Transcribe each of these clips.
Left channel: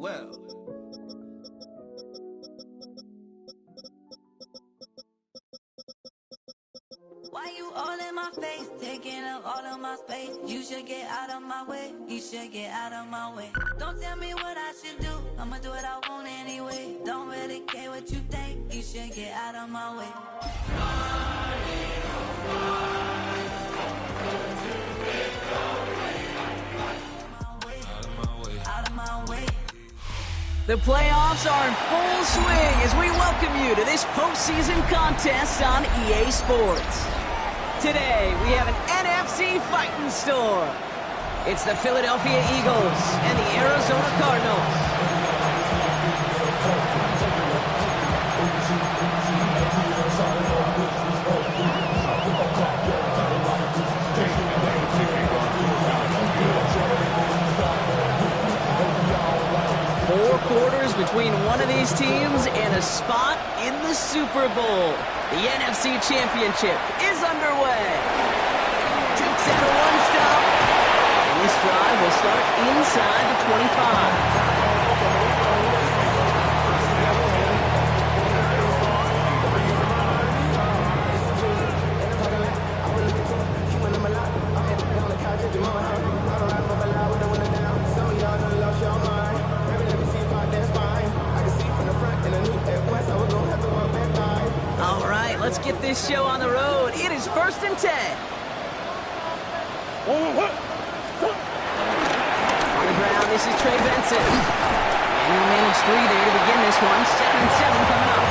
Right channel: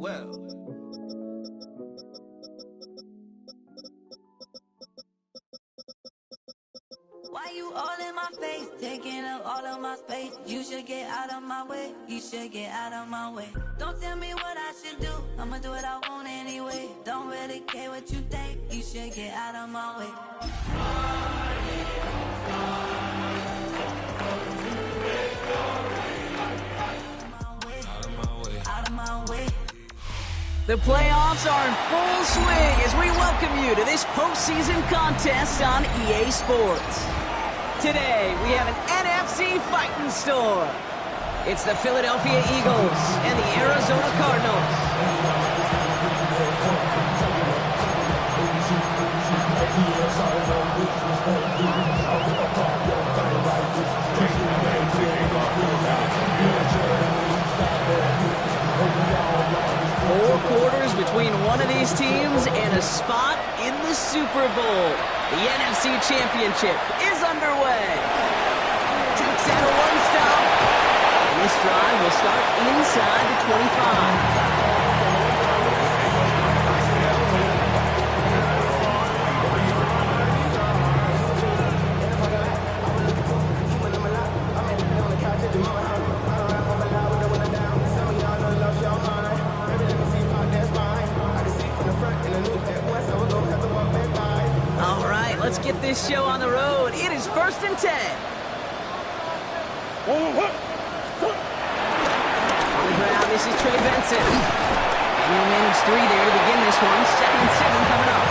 well. Why you all in my face, taking up all of my space? You should get out of my way, you should get out of my way. Don't tell me what I should do, I'ma do what I want anyway. Don't really care what you think, you should get out of my way. Out of my way. The playoffs are in full swing as we welcome you to this postseason contest on EA Sports. Today, we have an NFC fighting storm. It's the Philadelphia Eagles and the Arizona Cardinals. Four quarters between one of these teams and a spot in the Super Bowl. The NFC Championship is underway. Duke's at a one-stop, and this drive will start inside the 25. All right, let's get this show on the road. It is 1st and 10. On the ground, this is Trey Benson. And he'll manage 3 there to begin this one. 2nd and 7 coming up.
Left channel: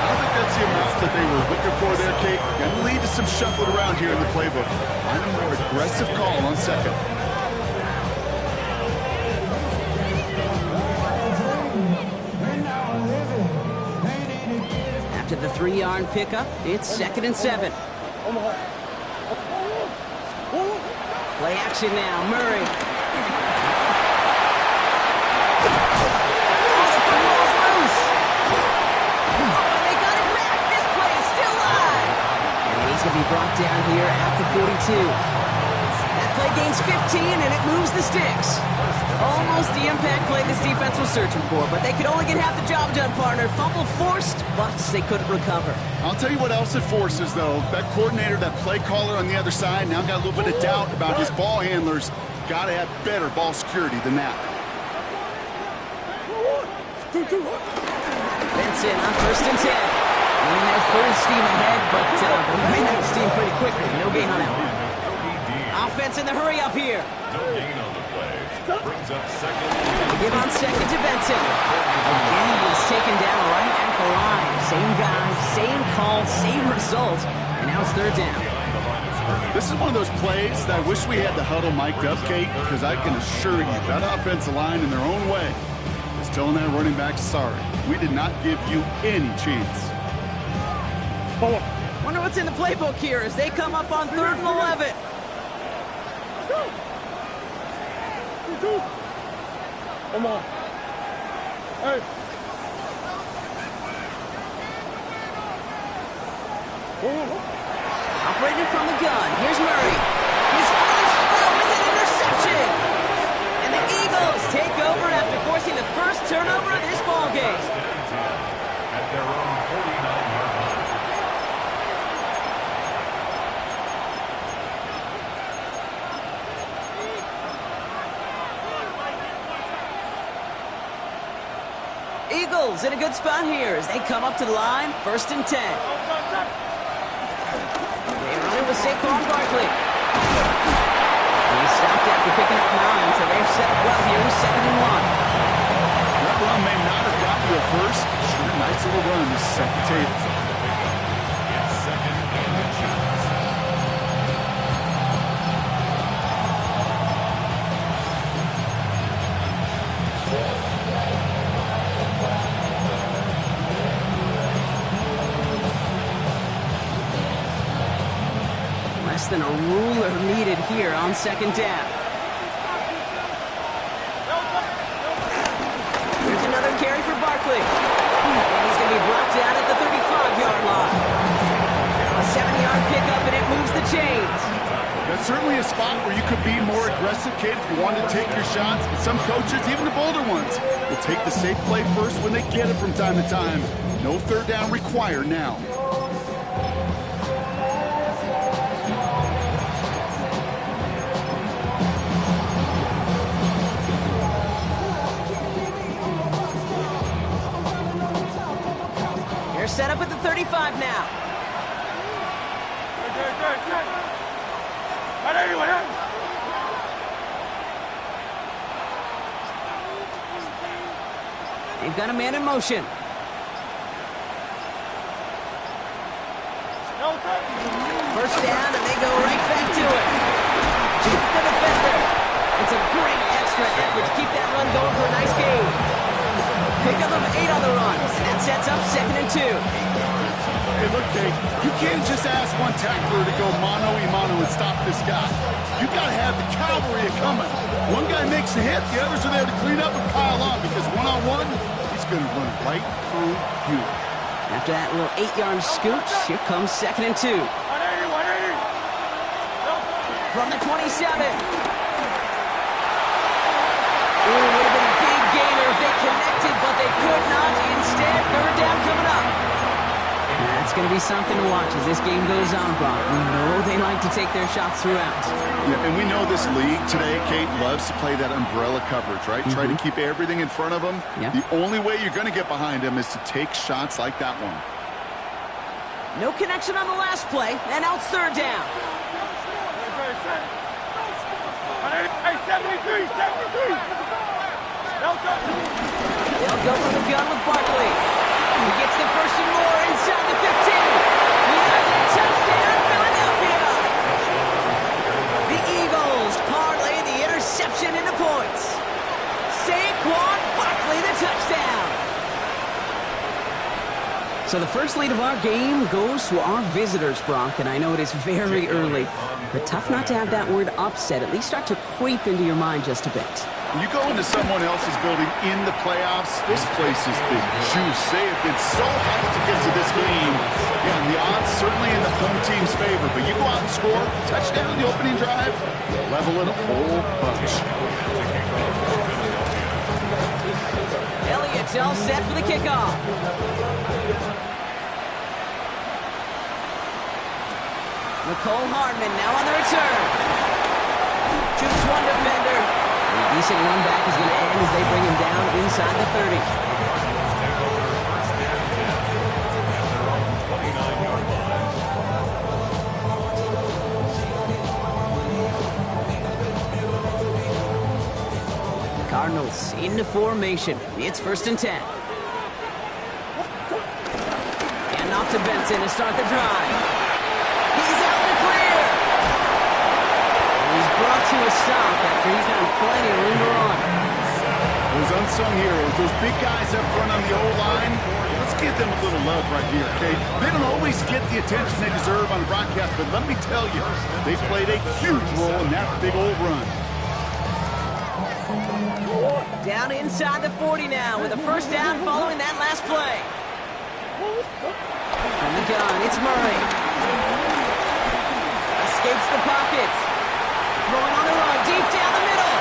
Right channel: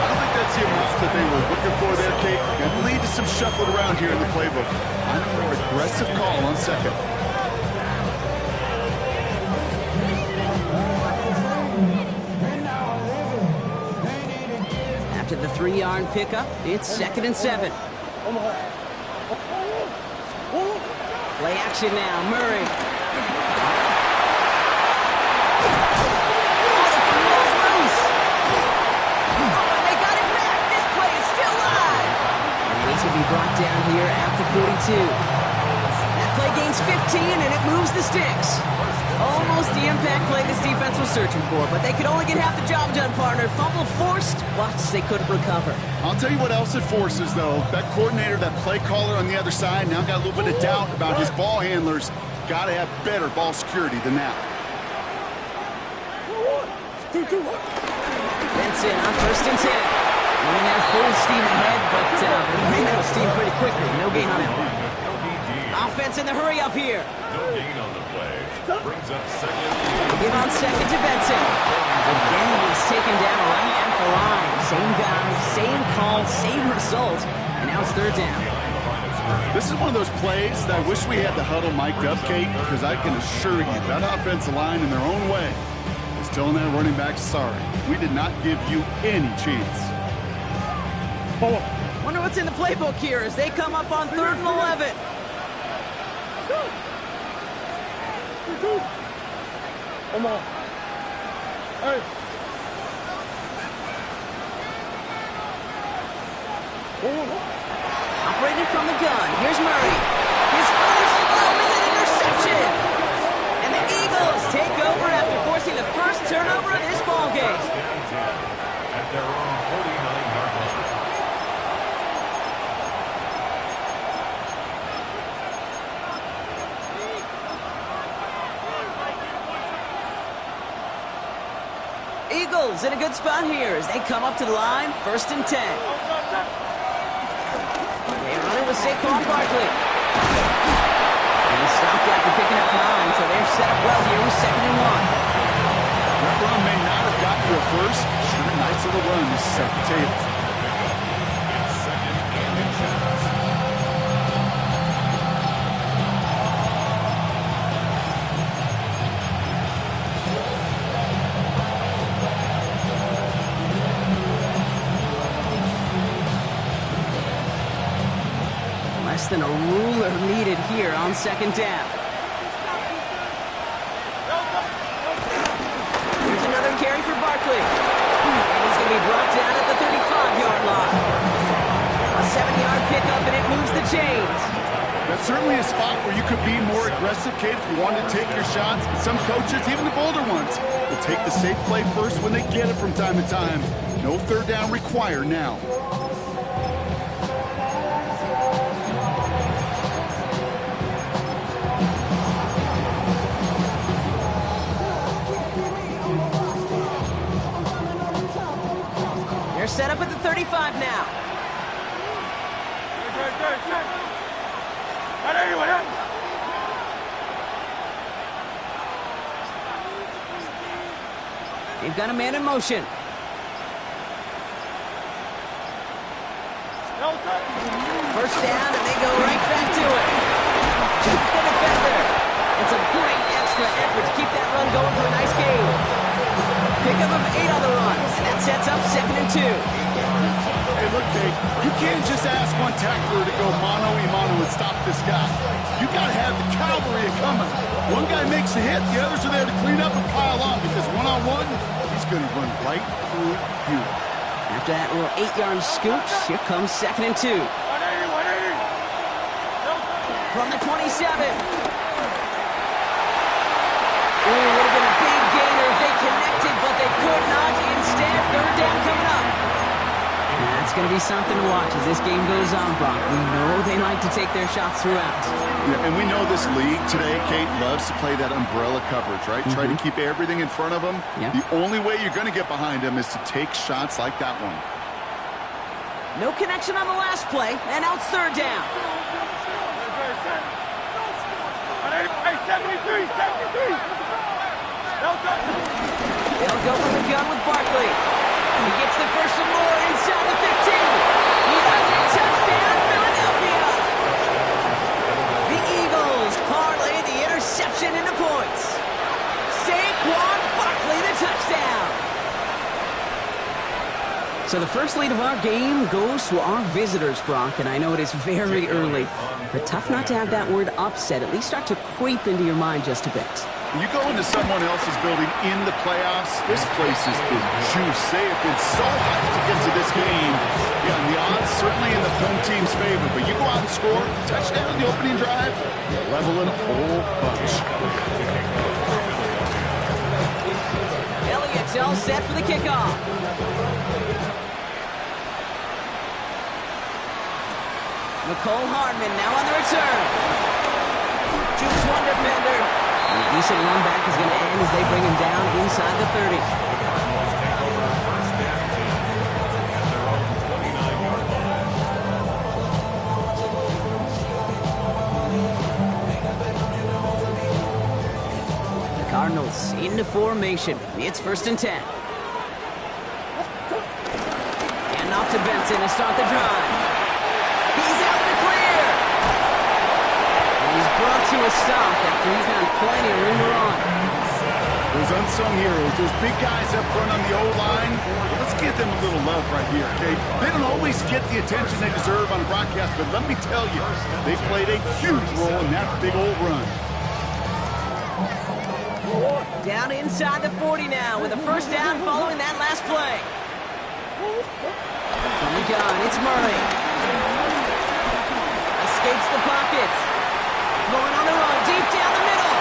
I don't think that's the amount that they were looking for there, Kate. Going to lead to some shuffling around here in the playbook. I'm a more aggressive call on 2nd. After the 3-yard pickup, it's 2nd and 7. Play action now, Murray. Oh, the football's loose. Oh, and they got it back. This play is still live. And he's going to be brought down here at the 42. That play gains 15, and it moves the sticks. Almost the impact play this defense was searching for, but they could only get half the job done, partner. Fumble forced, but they couldn't recover. I'll tell you what else it forces, though. That coordinator, that play caller on the other side, now got a little bit of doubt about his ball handlers. Got to have better ball security than that. Benson on 1st and 10. Winning there full steam ahead, but he ran out of steam pretty quickly. No gain on that one. Offense in the hurry up here. No gain on the play. Brings up 2nd. They give on 2nd to Benson. Again, he's taken down right at the line. Same guy, same call, same result. And now it's 3rd down. This is one of those plays that I wish we had the huddle mic'd up, Kate, because I can assure you that offensive line in their own way is telling that running back, sorry, we did not give you any chance. Wonder what's in the playbook here as they come up on 3rd and 11. Come on. Hey. Operating from the gun. Here's Murray. His first throw is an interception. And the Eagles take over after forcing the first turnover of this ballgame. At their own 49-yard line. Eagles in a good spot here as they come up to the line, 1st and 10. They run it with Saquon Barkley. He stopped after picking up 9, so they're set up well here with 2nd and 1. That run may not have gotten you a first. Sure, nice little run to set the table. It's 2nd and inches. Less than a ruler needed here on 2nd down. Here's another carry for Barkley. And he's going to be brought down at the 35-yard line. A 70-yard pickup, and it moves the chains. That's certainly a spot where you could be more aggressive, Kate, if you wanted to take your shots. But some coaches, even the bolder ones, will take the safe play first when they get it from time to time. No third down required now. They're set up at the 35 now. They've got a man in motion. First down, and they go right back to it. To the defender. It's a great extra effort to keep that run going for a nice gain. Pickup of 8 on the run, and that sets up 2nd and 2. Hey, look, Kate, you can't just ask one tackler to go mano-a-mano and stop this guy. You got to have the cavalry coming. One guy makes a hit, the others are there to clean up and pile on, because one-on-one, he's going to run right through you. After that little 8-yard scoot, here comes 2nd and 2. 180, 180. From the 27. Ooh, would have been a big gainer if they connected, but they could not. Instead, 3rd down coming up. That's going to be something to watch as this game goes on, Brock. We know they like to take their shots throughout. Yeah, and we know this league today, Kate, loves to play that umbrella coverage, right? Try to keep everything in front of them. Yep. The only way you're going to get behind them is to take shots like that one. No connection on the last play, and now it's 3rd down. 73, 73. They'll go from the gun with Barkley. He gets the first and more inside the 15. He does it. Touchdown, Philadelphia. The Eagles parlay the interception into points. Saquon Barkley, the touchdown. So the first lead of our game goes to our visitors, Brock, and I know it is very early, but tough not to have that word upset at least start to creep into your mind just a bit. When you go into someone else's building in the playoffs, this place has been juice. They have been so hyped to get to this game. Yeah, and the odds certainly in the home team's favor, but you go out and score, touchdown on the opening drive, level it a whole bunch. Elliott's all set for the kickoff. Nicole Hardman now on the return. Jukes one defender. And a decent run back is going to end as they bring him down inside the 30. The Cardinals take over 1st and 10 at their own 29-yard line. The Cardinals into formation. It's 1st and 10. And off to Benson to start the drive. He's out in the clear. And he's brought to a stop after he found plenty of room to run. Those unsung heroes, those big guys up front on the O-line, let's give them a little love right here, okay? They don't always get the attention they deserve on a broadcast, but let me tell you, they played a huge role in that big old run. Down inside the 40 now with a 1st down following that last play. From the gun, it's Murray. Escapes the pocket. Throwing on the run, deep down the middle.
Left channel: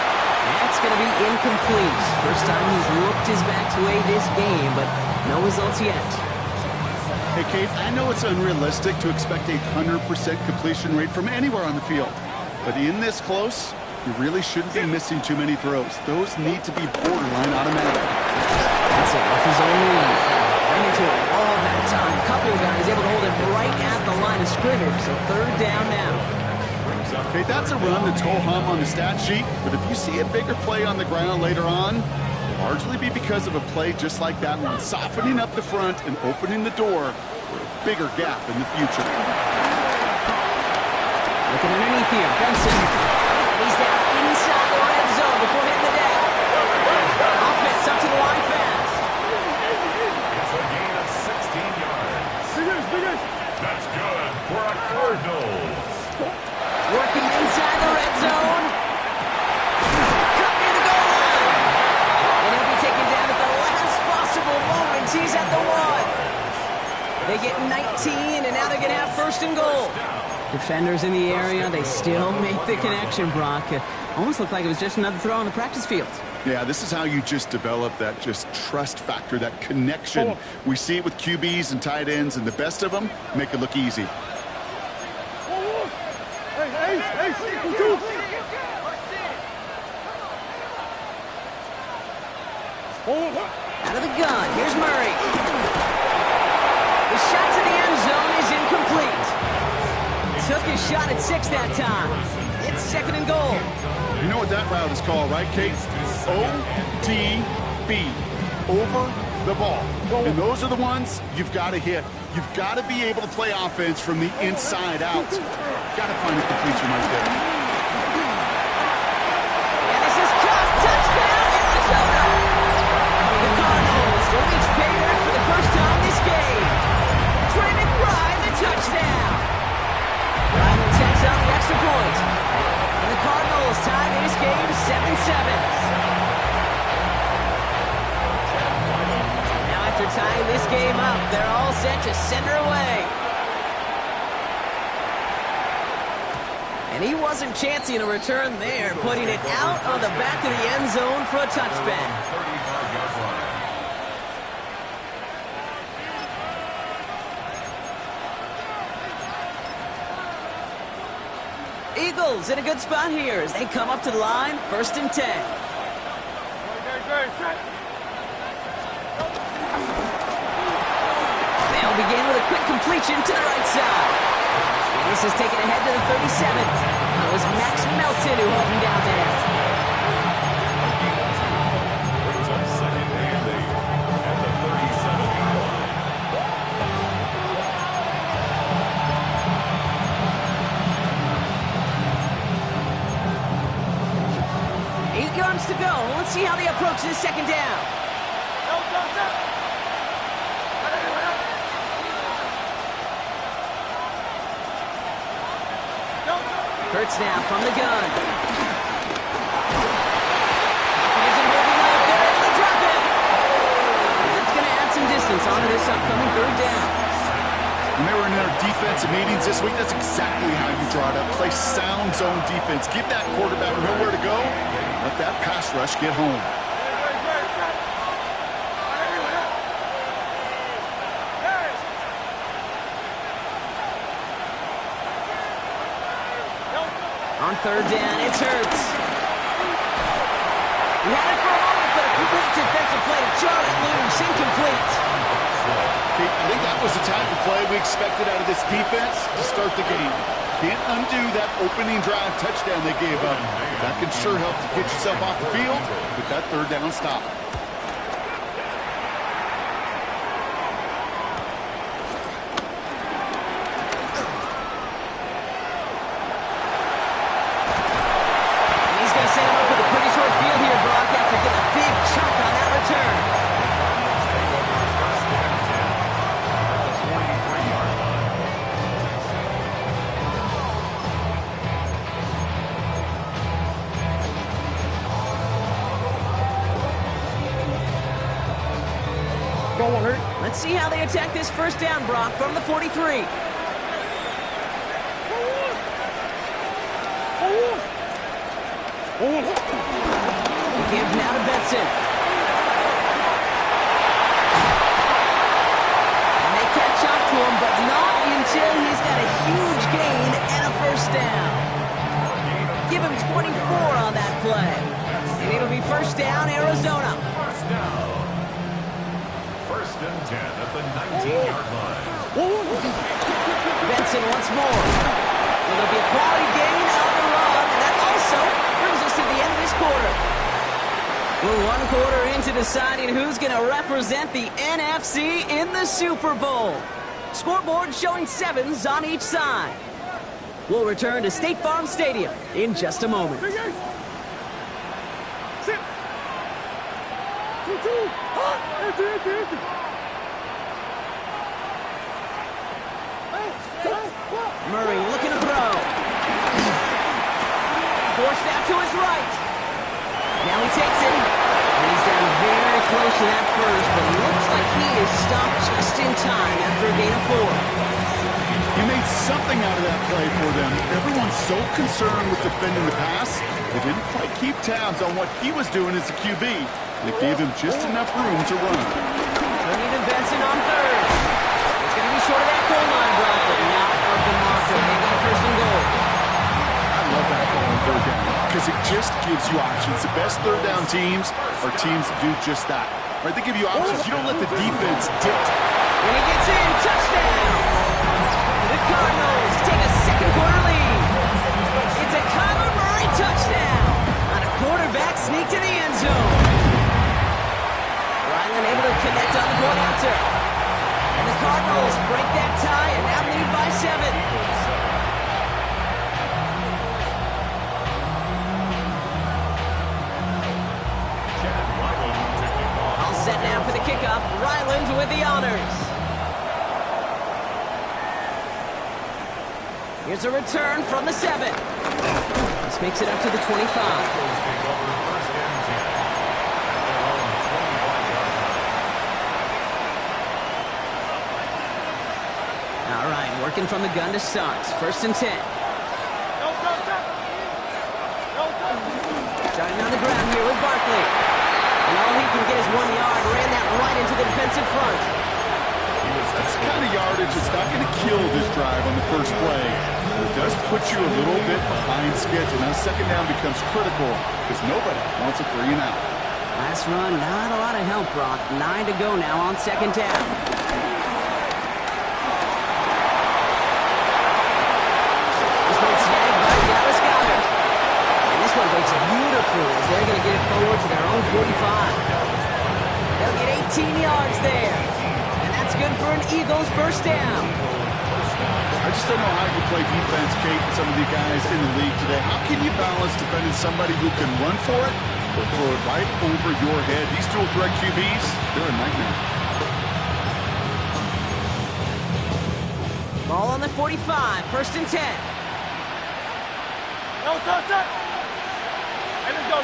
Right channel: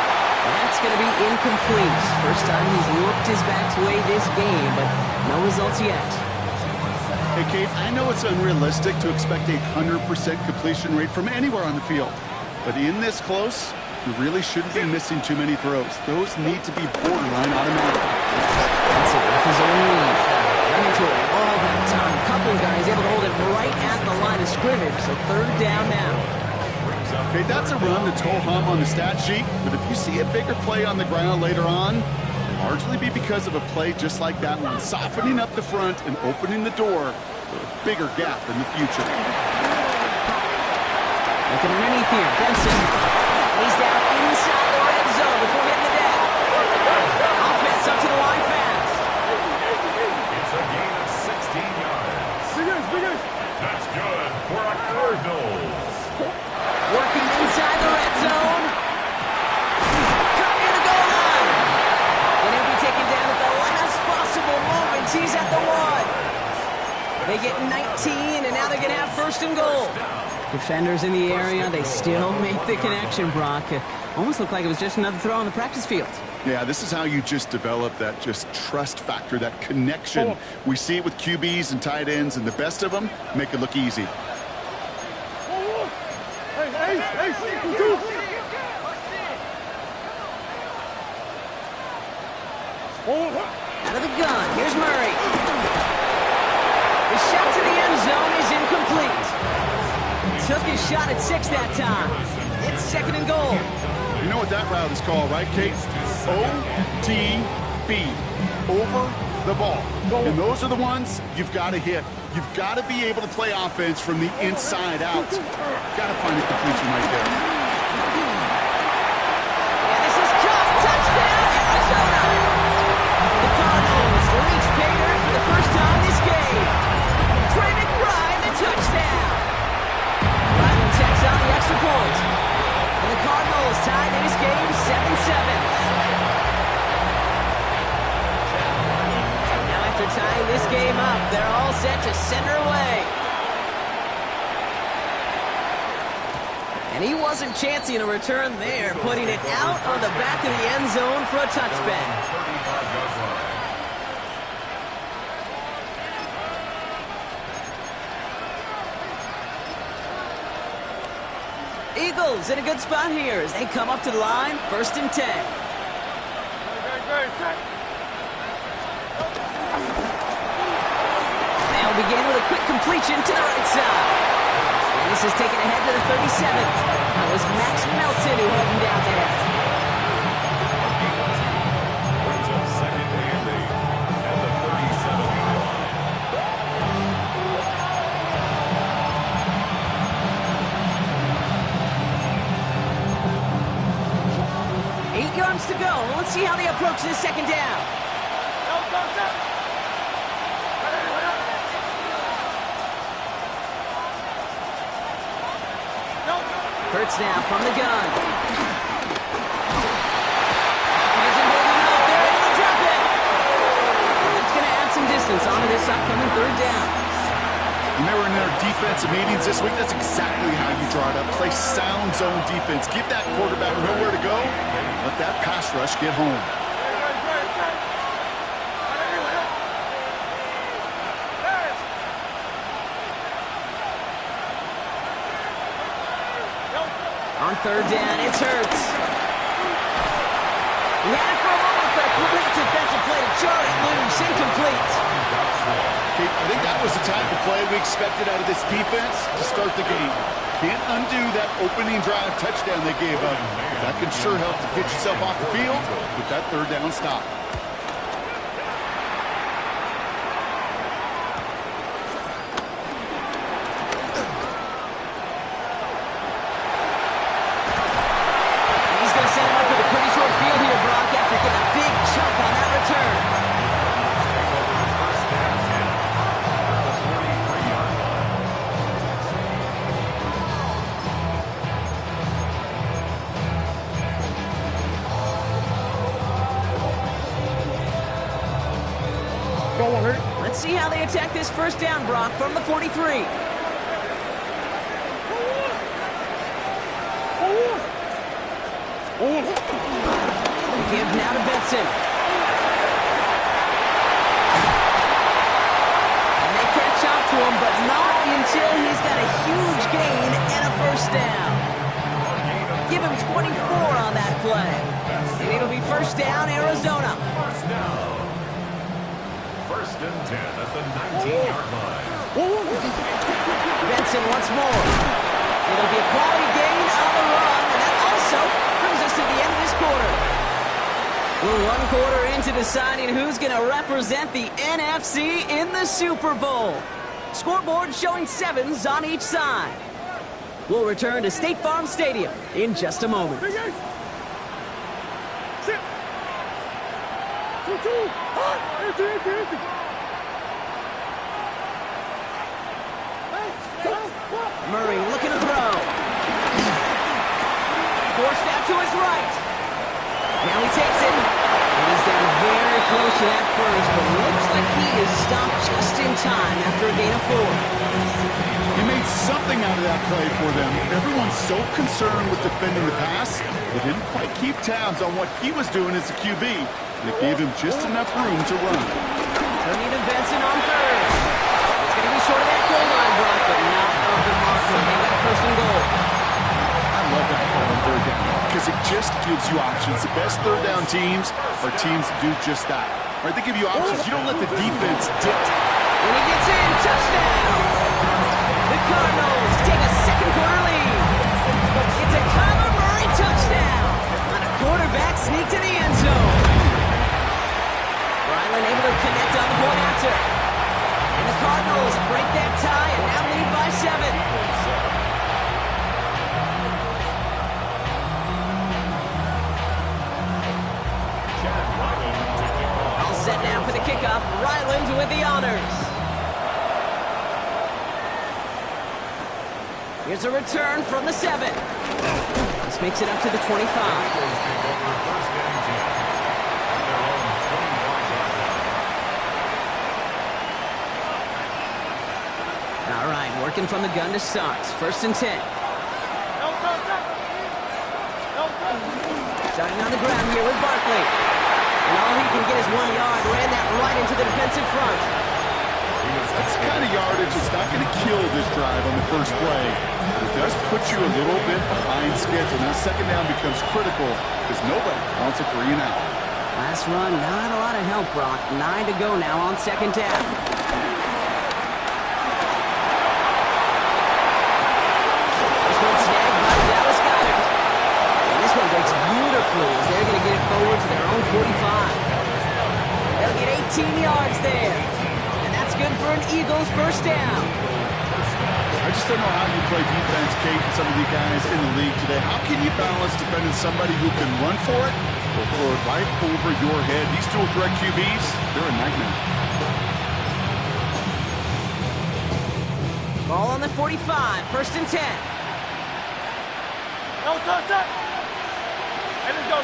That's going to be incomplete. First time he's looked his back's way this game, but no results yet. Hey, Kate, I know it's unrealistic to expect a 100% completion rate from anywhere on the field, but in this close, you really shouldn't be missing too many throws. Those need to be borderline automatic. That's it, off his own read. Ran into it all that time. A couple of guys able to hold it right at the line of scrimmage, so 3rd down now. Okay, that's a run that's ho-hum on the stat sheet, but if you see a bigger play on the ground later on, it'll largely be because of a play just like that one, softening up the front and opening the door for a bigger gap in the future. Looking underneath here, Benson. He's down inside the red zone before hitting the deck. Offense up to the line fast. It's a gain of 16 yards. That's good for a Cardinals. Working inside the red zone. Cut near the goal line. And he'll be taken down at the last possible moment. He's at the 1. They get 19, and now they're going to have 1st and goal. Defenders in the area, they still make the connection, Brock. It almost looked like it was just another throw on the practice field. Yeah, this is how you just develop that just trust factor, that connection. We see it with QBs and tight ends, and the best of them make it look easy. Out of the gun, here's Murray. The shot to the end zone is incomplete. Took his shot at 6 that time. It's 2nd and goal. You know what that route is called, right, Kate? ODB, over the ball. And those are the ones you've got to hit. You've got to be able to play offense from the inside out. Got to find a completion right there. And this is caught. Touchdown, Arizona. The Cardinals reach pay dirt for the first time this game. Trey McBride, the touchdown. Ryland checks out the extra point. And the Cardinals tie this game 7-7. Now after tying this game up, they're all set to send her away. And he wasn't chancing a return there, putting it out on the back of the end zone for a touchback. 35-yard line. Eagles in a good spot here as they come up to the line, 1st and 10. They'll begin with a quick completion to the right side. And this is taken ahead to the 37. That was Max Melton who held him down there. Brings up 2nd and 8 at the 37-yard line. 8 yards to go. Let's see how they approach this 2nd down. Hurts now from the gun. He isn't holding up. They're able to drop it. And that's going to add some distance onto this upcoming 3rd down. When they were in their defensive meetings this week, that's exactly how you draw it up. Play sound zone defense. Give that quarterback nowhere to go. Let that pass rush get home. On 3rd down, it's Hurts. He had it for a moment, but a great defensive play to jar it loose. Incomplete. Kate, I think that was the type of play we expected out of this defense to start the game. Can't undo that opening drive touchdown they gave up. That can sure help to get yourself off the field with that 3rd down stop. Set him up with a pretty short field here, Brock, after getting a big chunk on that return. Take over 1st and 10 at the 43-yard line. Let's see how they attack this 1st down, Brock, from the 43. Give now to Benson. And they catch up to him, but not until he's got a huge gain and a 1st down. Give him 24 on that play. And it'll be 1st down, Arizona. 1st down. 1st and 10 at the 19-yard line. Benson once more. It'll be a quality gain on the run, and that also brings us to the end of this quarter. We're 1 quarter into deciding who's going to represent the NFC in the Super Bowl. Scoreboard showing 7s on each side. We'll return to State Farm Stadium in just a moment. Sit. 2-2. Empty. Murray looking to throw. Forced out to his right. Now he takes it. And he's down very close to that 1st, but looks like he is stopped just in time after a gain of 4. He made something out of that play for them. Everyone's so concerned with defending the pass, they didn't quite keep tabs on what he was doing as a QB. They gave him just enough room to run. Turning to Benson on third. He's going to be short of that goal line, Brock, but not of the marker. They've got a first and goal. I love that call on third down because it just gives you options. The best third down teams are teams that do just that. Right? They give you options. You don't let the defense dictate. And he gets in. Touchdown. The Cardinals take a second quarter lead. It's a Kyler Murray touchdown on a quarterback sneak to the end zone. Ryland able to connect on the point after. And the Cardinals break that tie and now lead by 7. All set now for the kickoff. Ryland with the honors. Here's a return from the 7. This makes it up to the 25. All right, working from the gun to start. First and 10. Starting on the ground here with Barkley. And all he can get is 1 yard. Ran that right into the defensive front. That's the kind of yardage that's not going to kill this drive on the first play. But it does put you a little bit behind schedule. Now second down becomes critical because nobody wants a 3 and out. Last run, not a lot of help, Brock. 9 to go now on second down. This one snagged by Dallas Goedert. And this one breaks beautifully as they're going to get it forward to their own 45. They'll get 18 yards there. That's good for an Eagles first down. I just don't know how you play defense, Kate, and some of the guys in the league today. How can you balance defending somebody who can run for it or throw it right over your head? These dual threat QBs, they're a nightmare. Ball on the 45, first and 10. No, touch. Hey, let's go.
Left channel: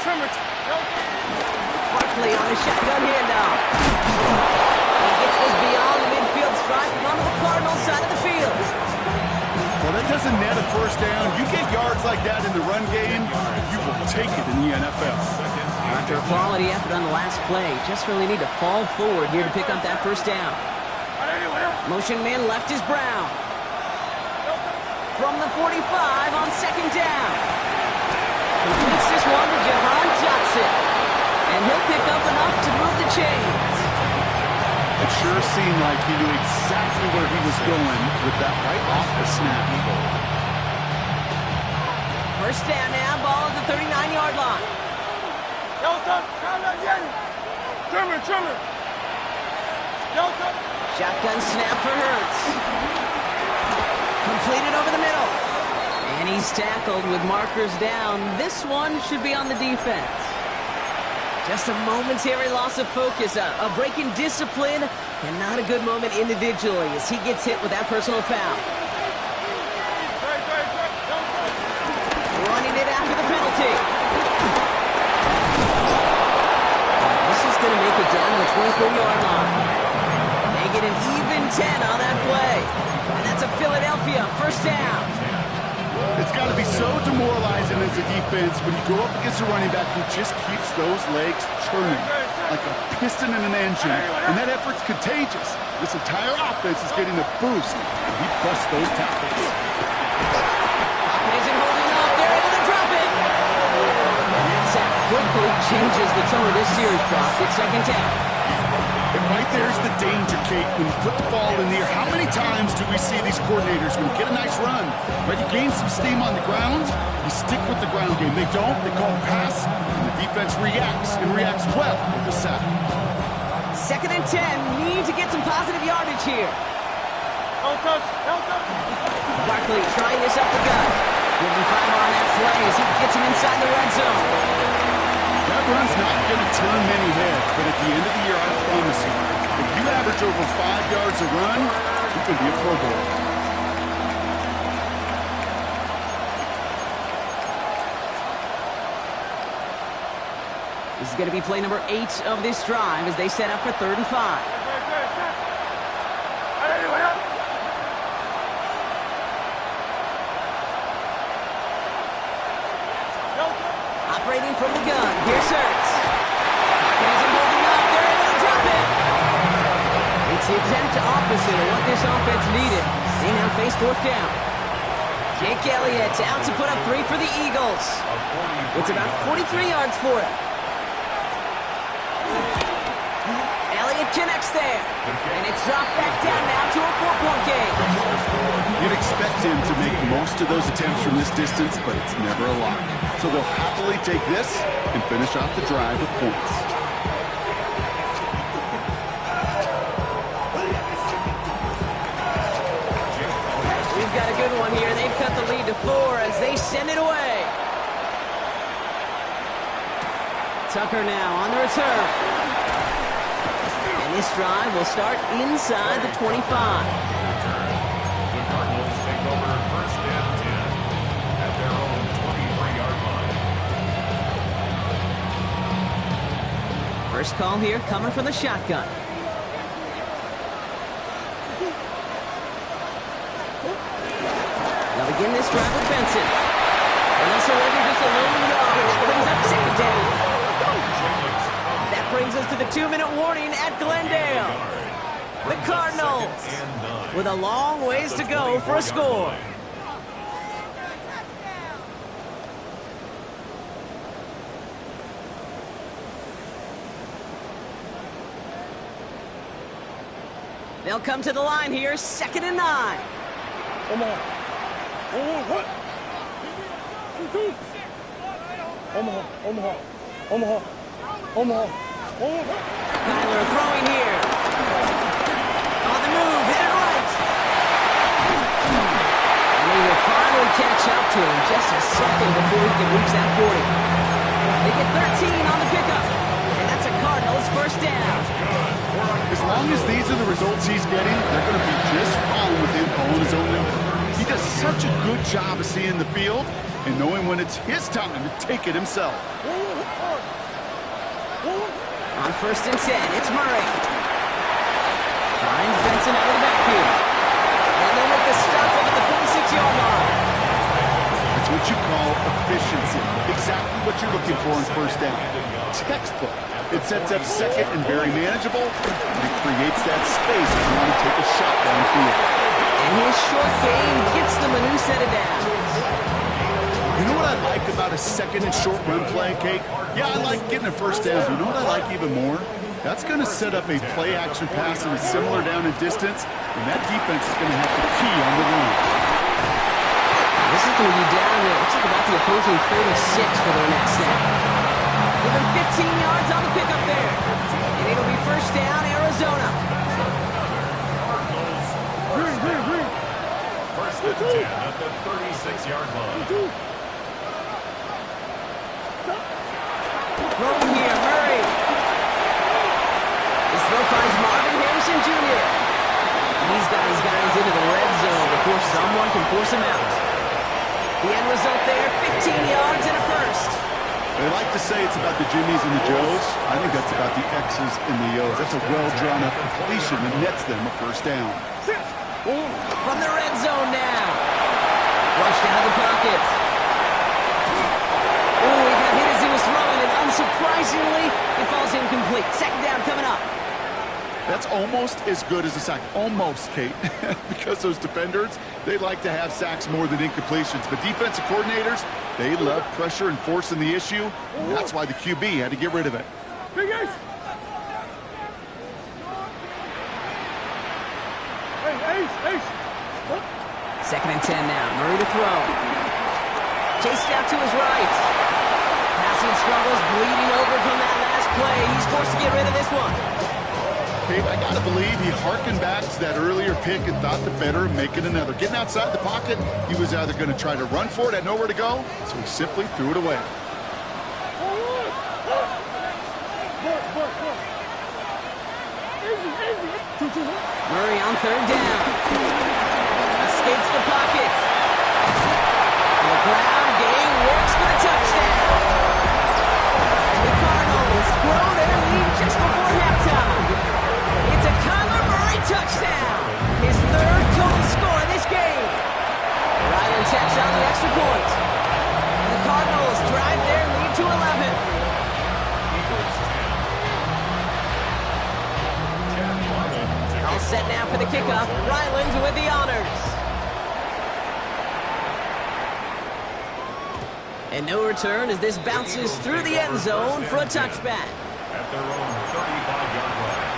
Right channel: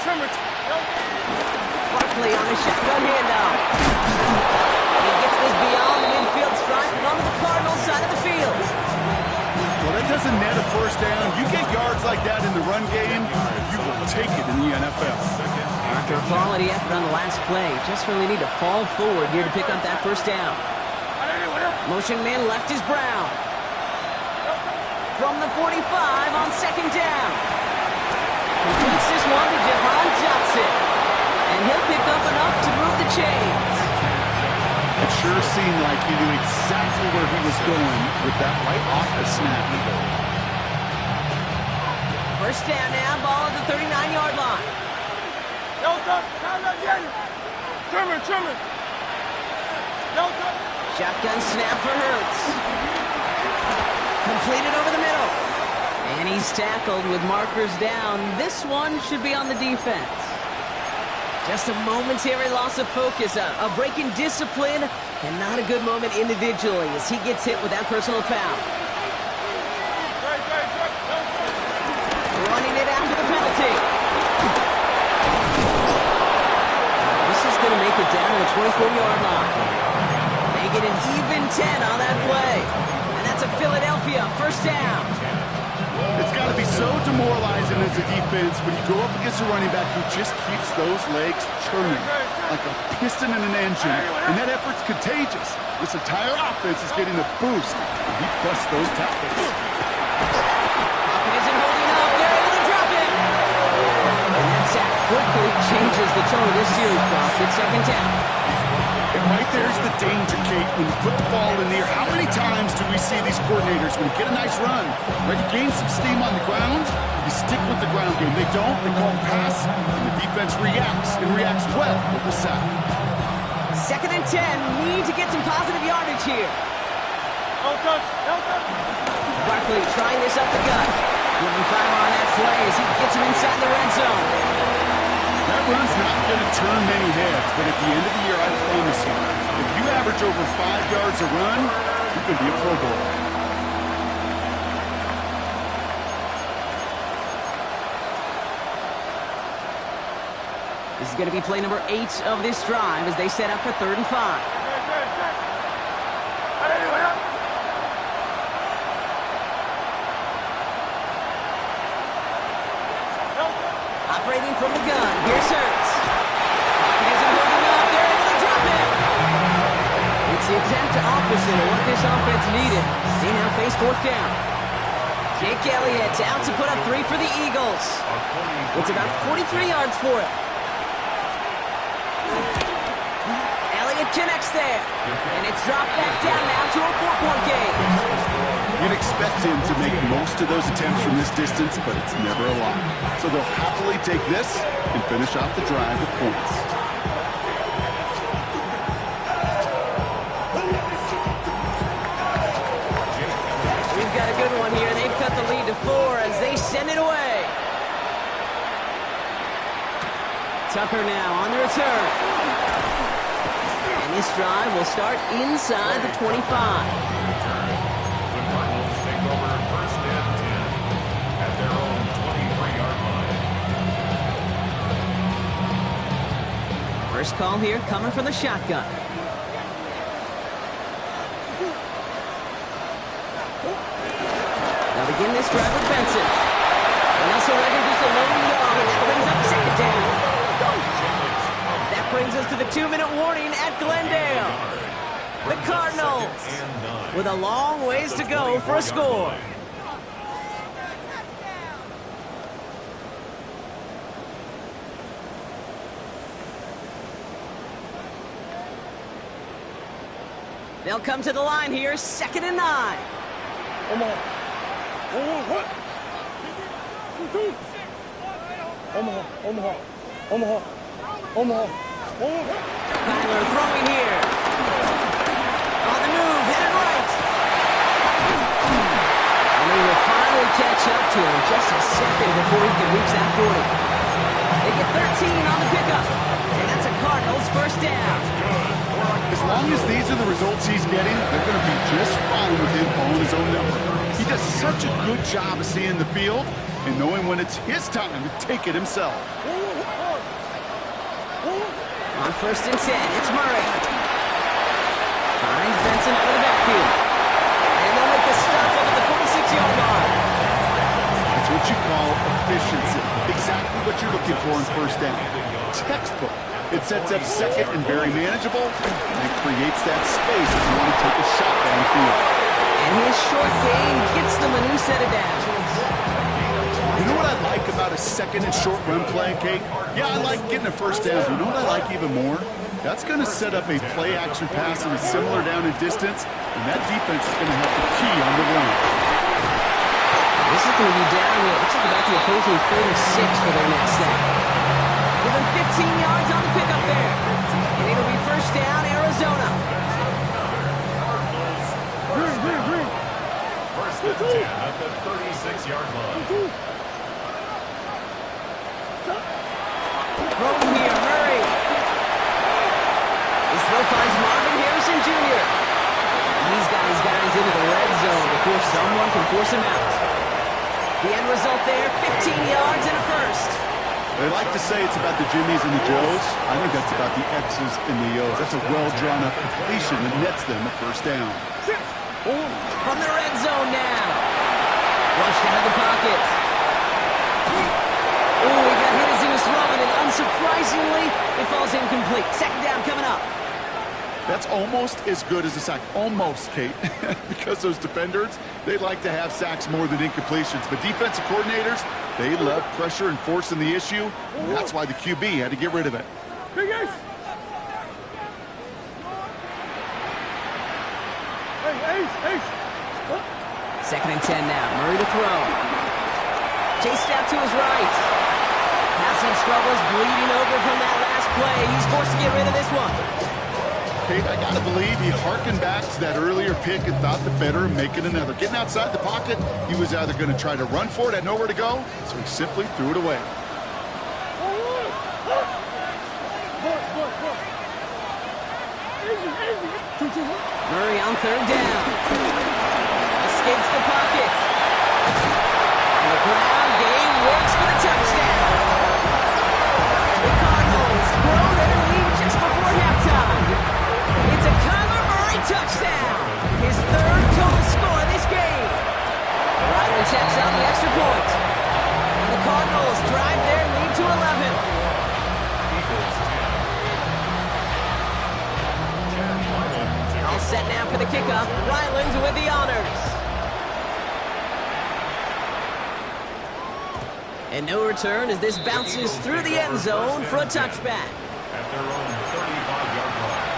Trimmer. Barkley on a shotgun handoff. He gets this beyond the midfield stripe and onto the Cardinals side of the field. Well, that doesn't net a first down. You get yards like that in the run game, you will take it in the NFL. After a quality effort on the last play, just really need to fall forward here to pick up that first down. Motion man left is Brown. From the 45 on second down. Completes this one to Jahan Johnson. And he'll pick up enough to move the chains. It sure seemed like he knew exactly where he was going with that right off the snap. First down now, ball at the 39-yard line. Trimmer. Shotgun snap for Hurts. Completed over the middle. And he's tackled with markers down. This one should be on the defense. Just a momentary loss of focus, a break in discipline, and not a good moment individually as he gets hit with that personal foul. Running it after the penalty. This is going to make it down to the 24-yard line. They get an even 10 on that play. And that's a Philadelphia first down. It's got to be so demoralizing as a defense when you go up against a running back who just keeps those legs churning like a piston in an engine, and that effort's contagious. This entire offense is getting a boost. He busts those tackles. Pocket isn't holding up. They're able to drop it. And that sack quickly changes the tone of this series, Brock. It's second down. And right there's the danger, Kate. When you put the ball in the air, how many times do we see these coordinators, when you get a nice run, right, you gain some steam on the ground, you stick with the ground game. They don't, they call the pass, and the defense reacts, and reacts well with the sack. Second and 10, need to get some positive yardage here. No touch. Barkley trying this up the gut. Giving 5 on that play as he gets him inside the red zone. That run's not going to turn many heads, but at the end of the year, I promise you, if you average over 5 yards a run, you could be a Pro Bowler. This is going to be play number 8 of this drive as they set up for 3rd and 5. Operating from the gun. Here's Hurts. Pocket isn't holding up. They're able to drop it. It's the exact opposite of what this offense needed. They now face fourth down. Jake Elliott out to put up 3 for the Eagles. It's about 43 yards for him. Elliott connects there. And it's dropped back down now to a 4-point game. You'd expect him to make most of those attempts from this distance, but it's never a lot. So they'll happily take this and finish off the drive with points. We've got a good one here. They've cut the lead to 4 as they send it away. Tucker now on the return. And this drive will start inside the 25. The Cardinals take over first and 10 at their own 23-yard line. First call here coming from the shotgun. They'll begin this drive with Benson. And they'll surrender just a lone yard. That brings up second down. That brings us to the 2-minute warning at Glendale. The Cardinals with a long ways to go for a score. They'll come to the line here, 2nd and 9. Omaha. Omaha. Omaha. Omaha. Omaha. Kyler throwing here. On the move, headed right. And he will finally catch up to him just a second before he can reach that 40. They get 13 on the pickup. And that's a Cardinals first down. As long as these are the results he's getting, they're going to be just fine with him calling his own number. He does such a good job of seeing the field and knowing when it's his time to take it himself. On 1st and 10, it's Murray. Finds Benson out of the backfield. And they'll make the stop up at the 46-yard line. That's what you call efficiency. Exactly what you're looking for in first down. Textbook. It sets up second and very manageable, and it creates that space if you want to take a shot downfield. And his short game gets them a new set of downs. You know what I like about a second and short run play, Kate? Yeah, I like getting a first down. But you know what I like even more? That's going to set up a play-action pass in a similar down and distance, and that defense is going to have to key on the run. This is going to be down, it looks like about the opposing 36 for their next snap. Give him 15 yards on the pickup there. And it'll be first down, Arizona. First and 10 at the 36-yard line. Throw here, Murray. His throw finds Marvin Harrison Jr. He's got his guys into the red zone before someone can force him out. The end result there, 15 yards and a first. They like to say it's about the Jimmies and the Joes. I think that's about the X's and the O's. That's a well-drawn-up completion that nets them a first down. From the red zone now. Rushed out of the pocket. Oh, he got hit as he was throwing, and unsurprisingly, it falls incomplete. Second down coming up. That's almost as good as a sack. Almost, Kate. Because those defenders, they like to have sacks more than incompletions. But defensive coordinators, they love pressure and forcing the issue. And that's why the QB had to get rid of it. Big Ace. Hey, Ace. 2nd and 10 now. Murray to throw. Chased out to his right. Passing struggles, bleeding over from that last play. He's forced to get rid of this one. Kate, I got to believe he harkened back to that earlier pick and thought the better of making another. Getting outside the pocket, he was either going to try to run for it, had nowhere to go, so he simply threw it away. Murray on 3rd down. Escapes the pocket. And the ground game works for the touchdown. The Cardinals grow their lead just before halftime. It's a Kyler Murray touchdown. His 3rd total score this game. Ryder checks on the extra point. And the Cardinals drive their lead to 11. Eagles 10. All set now for the kickoff. Ryland with the honors. And no return as this bounces through the end zone for a touchback. At their own 35-yard line.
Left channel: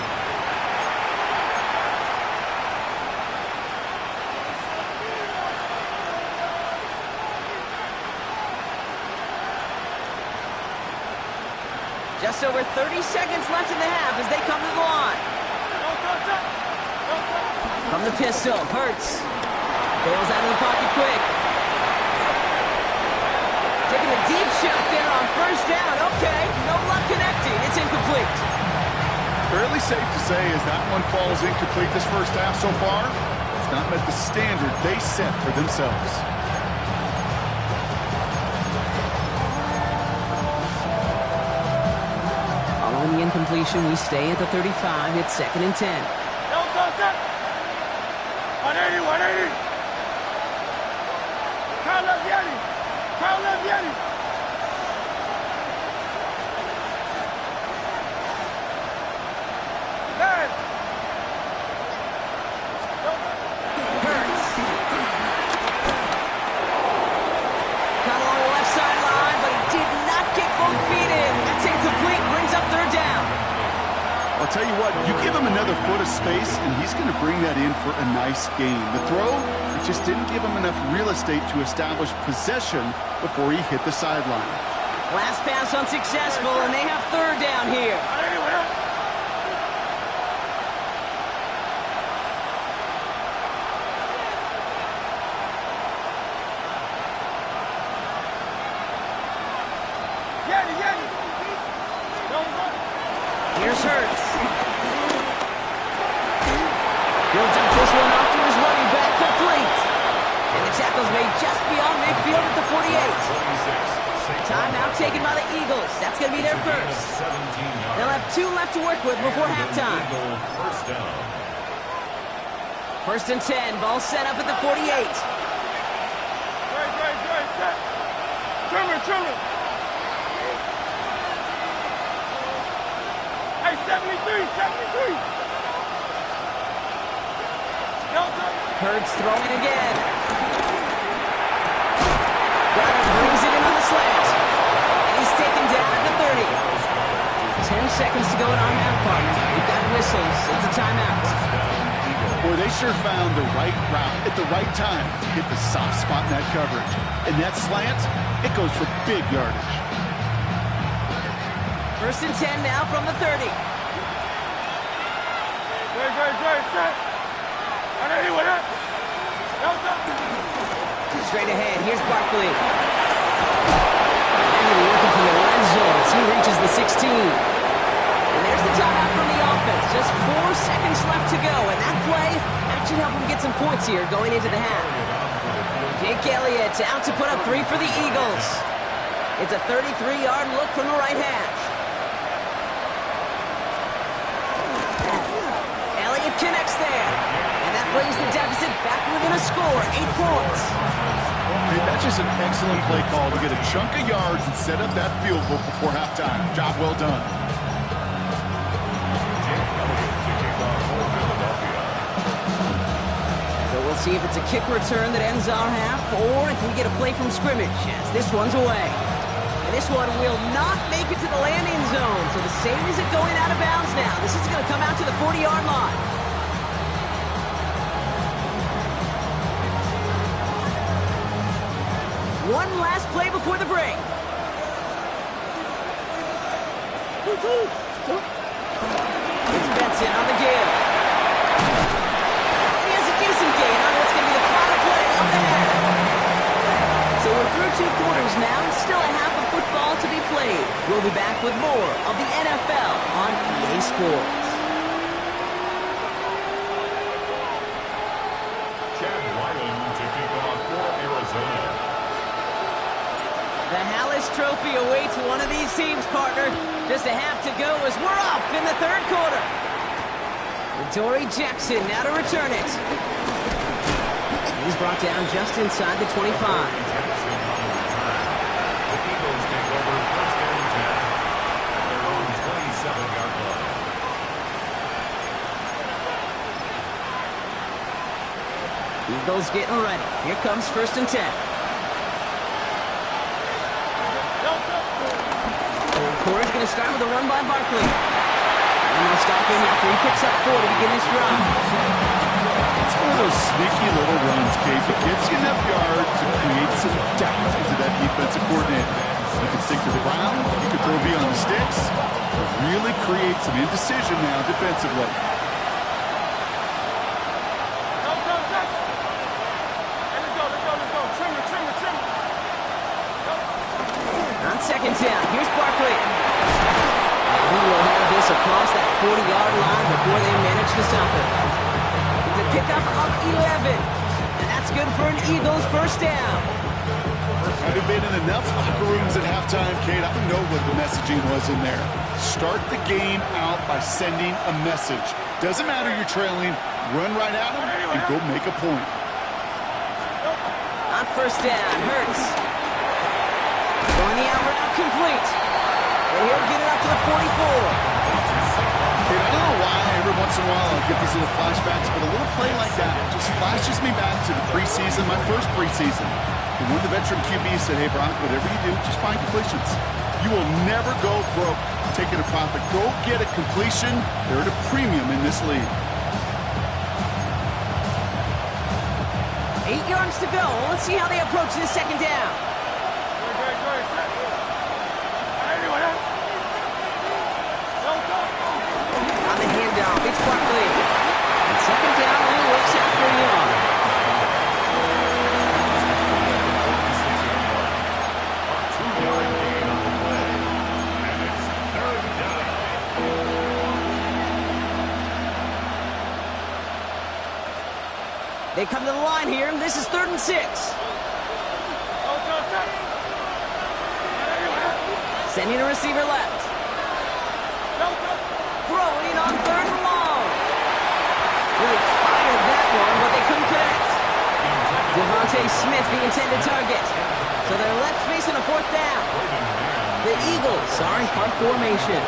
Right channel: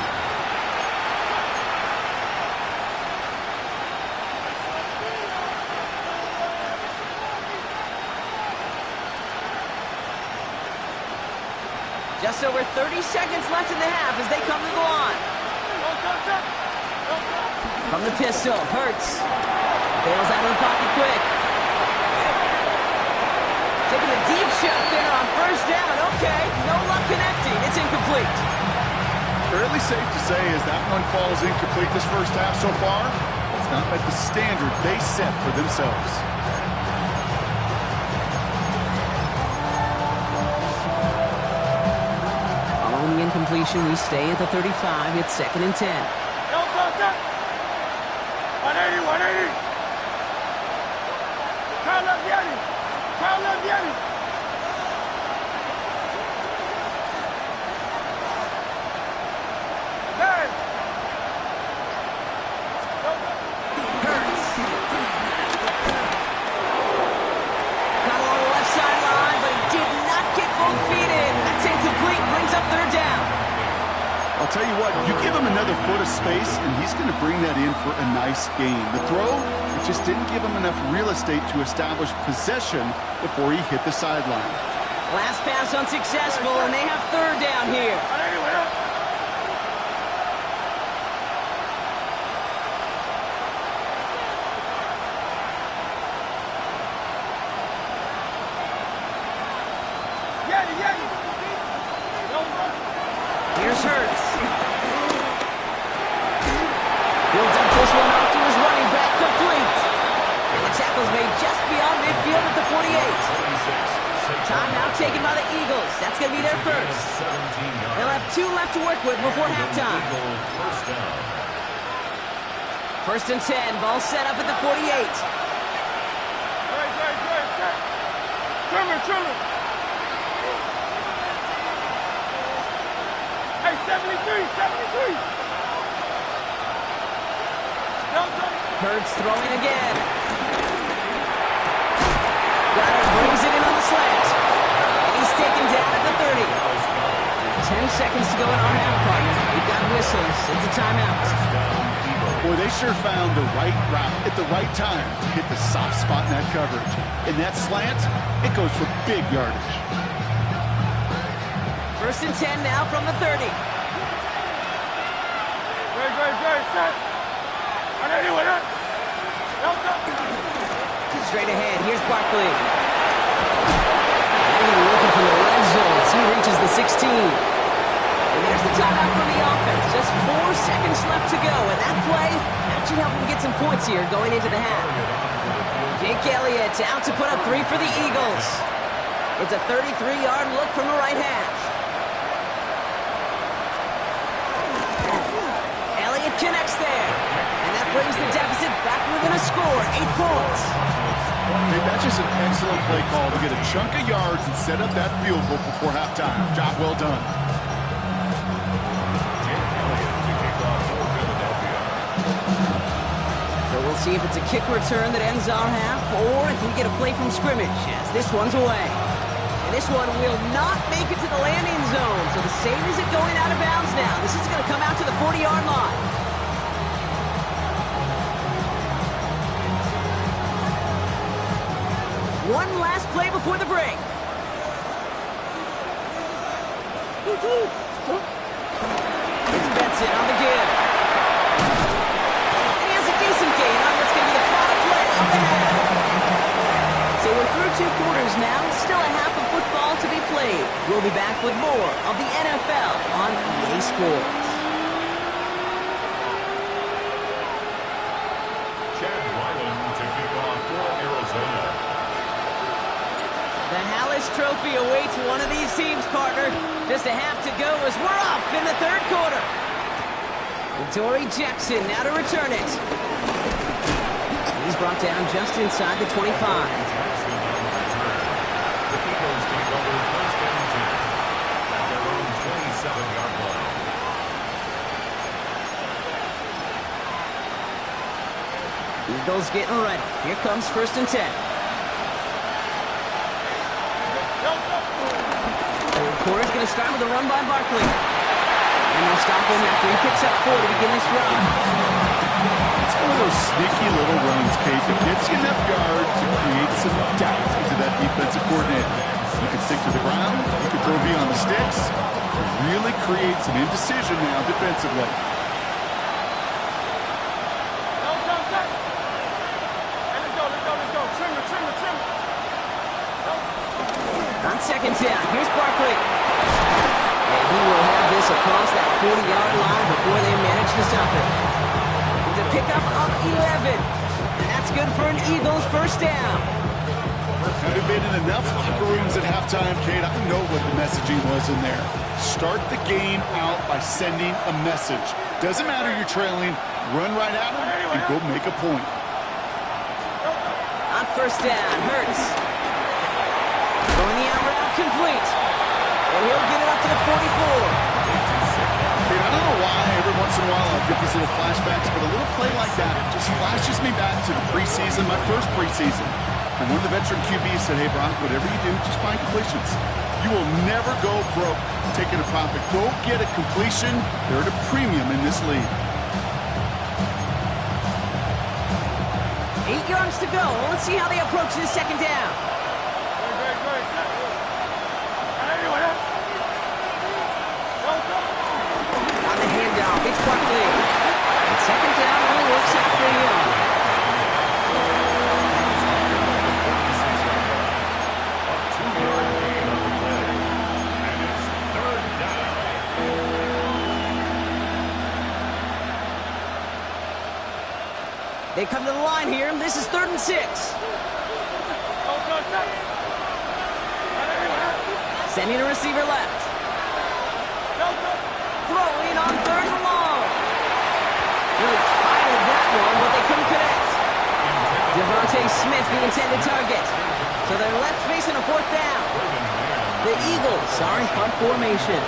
Just over 30 seconds left in the half as they come to the line. From the pistol, Hurts. Bails out of the pocket quick. Taking a deep shot there on first down. Okay, no luck connecting. It's incomplete. Fairly safe to say as that one falls incomplete this first half so far, it's not met the standard they set for themselves. Following the incompletion, we stay at the 35. It's 2nd and 10. 180, 180. Crowd left Yeti. Crowd left Yeti. Man. Hurts. Caught along the left sideline, but he did not get both feet in. That's incomplete. Brings up 3rd down. I'll tell you what, you give him another foot of space, and he's going to bring that in for a nice gain. The throw, it just didn't give him enough real estate to establish possession before he hit the sideline. Last pass unsuccessful, and they have 3rd down here. Here's Hurts. He'll dump this one off to his running back, complete. And the tackle's made just beyond midfield at the 48. Timeout taken by the Eagles. That's going to be their first. They'll have 2 left to work with before halftime. First and 10. Ball set up at the 48. Trimmer. Hey, 73. Hurts throwing again. Got it, brings it in on the slant. And he's taken down at the 30. 10 seconds to go in our half, partner. We've got whistles. It's a timeout. Boy, they sure found the right route at the right time to hit the soft spot in that coverage. And that slant, it goes for big yardage. First and 10 now from the 30. Great, set. 180 with it. Straight ahead, here's Barkley. And he'll be looking for the red zone as he reaches the 16. And there's the timeout from the offense. Just 4 seconds left to go. And that play, that should help him get some points here going into the half. Jake Elliott out to put up 3 for the Eagles. It's a 33-yard look from the right hash. Elliott connects there. And that brings the deficit back within a score, 8 points. Hey, that's just an excellent play call to get a chunk of yards and set up that field goal before halftime. Job well done. Jake Elliott to kick off for Philadelphia. So we'll see if it's a kick return that ends our half, or if we get a play from scrimmage, as this one's away. And this one will not make it to the landing zone, so the same as it going out of bounds now. This is going to come out to the 40-yard line. One last play before the break. It's Benson on the give. And he has a decent gain on what's going to be the final play of the half. So we're through 2 quarters now. Still a half of football to be played. We'll be back with more of the NFL on EA Sports. Chad Ryland to kick off for Arizona. The Hallis Trophy awaits one of these teams, partner. Just a half to go as we're off in the 3rd quarter. Dory Jackson now to return it. He's brought down just inside the 25. Jackson on the return. The Eagles Eagles take over first and 10 at their own 27-yard line. Eagles getting ready. Here comes first and 10. Third quarter's going to start with a run by Barkley. And they'll stop him after he picks up 4 to begin this drive. It's one of those sneaky little runs, Kate, that gets you enough yards to create some doubt into that defensive coordinator. You can stick to the ground, you can throw beyond the sticks, really create some indecision now defensively. On second down, here's Barkley. And he will have this across that 40-yard line before they manage to stop him. It's a pickup of 11. And that's good for an Eagles first down. Having been in enough locker rooms at halftime, Kate, I know what the messaging was in there. Start the game out by sending a message. Doesn't matter you're trailing, run right at them and go make a point. On first down, Hurts. Going the out route, complete. And he'll get it up to the 44. Kate, I don't know why every once in a while I'll get these little flashbacks, but a little play like that just flashes me back to the preseason, my first preseason. And one of the veteran QBs said, hey, Brock, whatever you do, just find completions. You will never go broke taking a profit. Go get a completion. They're at a premium in this league. 8 yards to go. Let's see how they approach this second down. On the handoff, it's Barkley. And second down only works out for a yard. A 2-yard gain on the play. And it's third down. They come to the line here. This is 3rd and 6. Sending a receiver left. Throwing on 3rd and long. Really fired that one, but they couldn't connect. Devontae Smith, the intended target. So they're left facing a 4th down. The Eagles are in punt formation.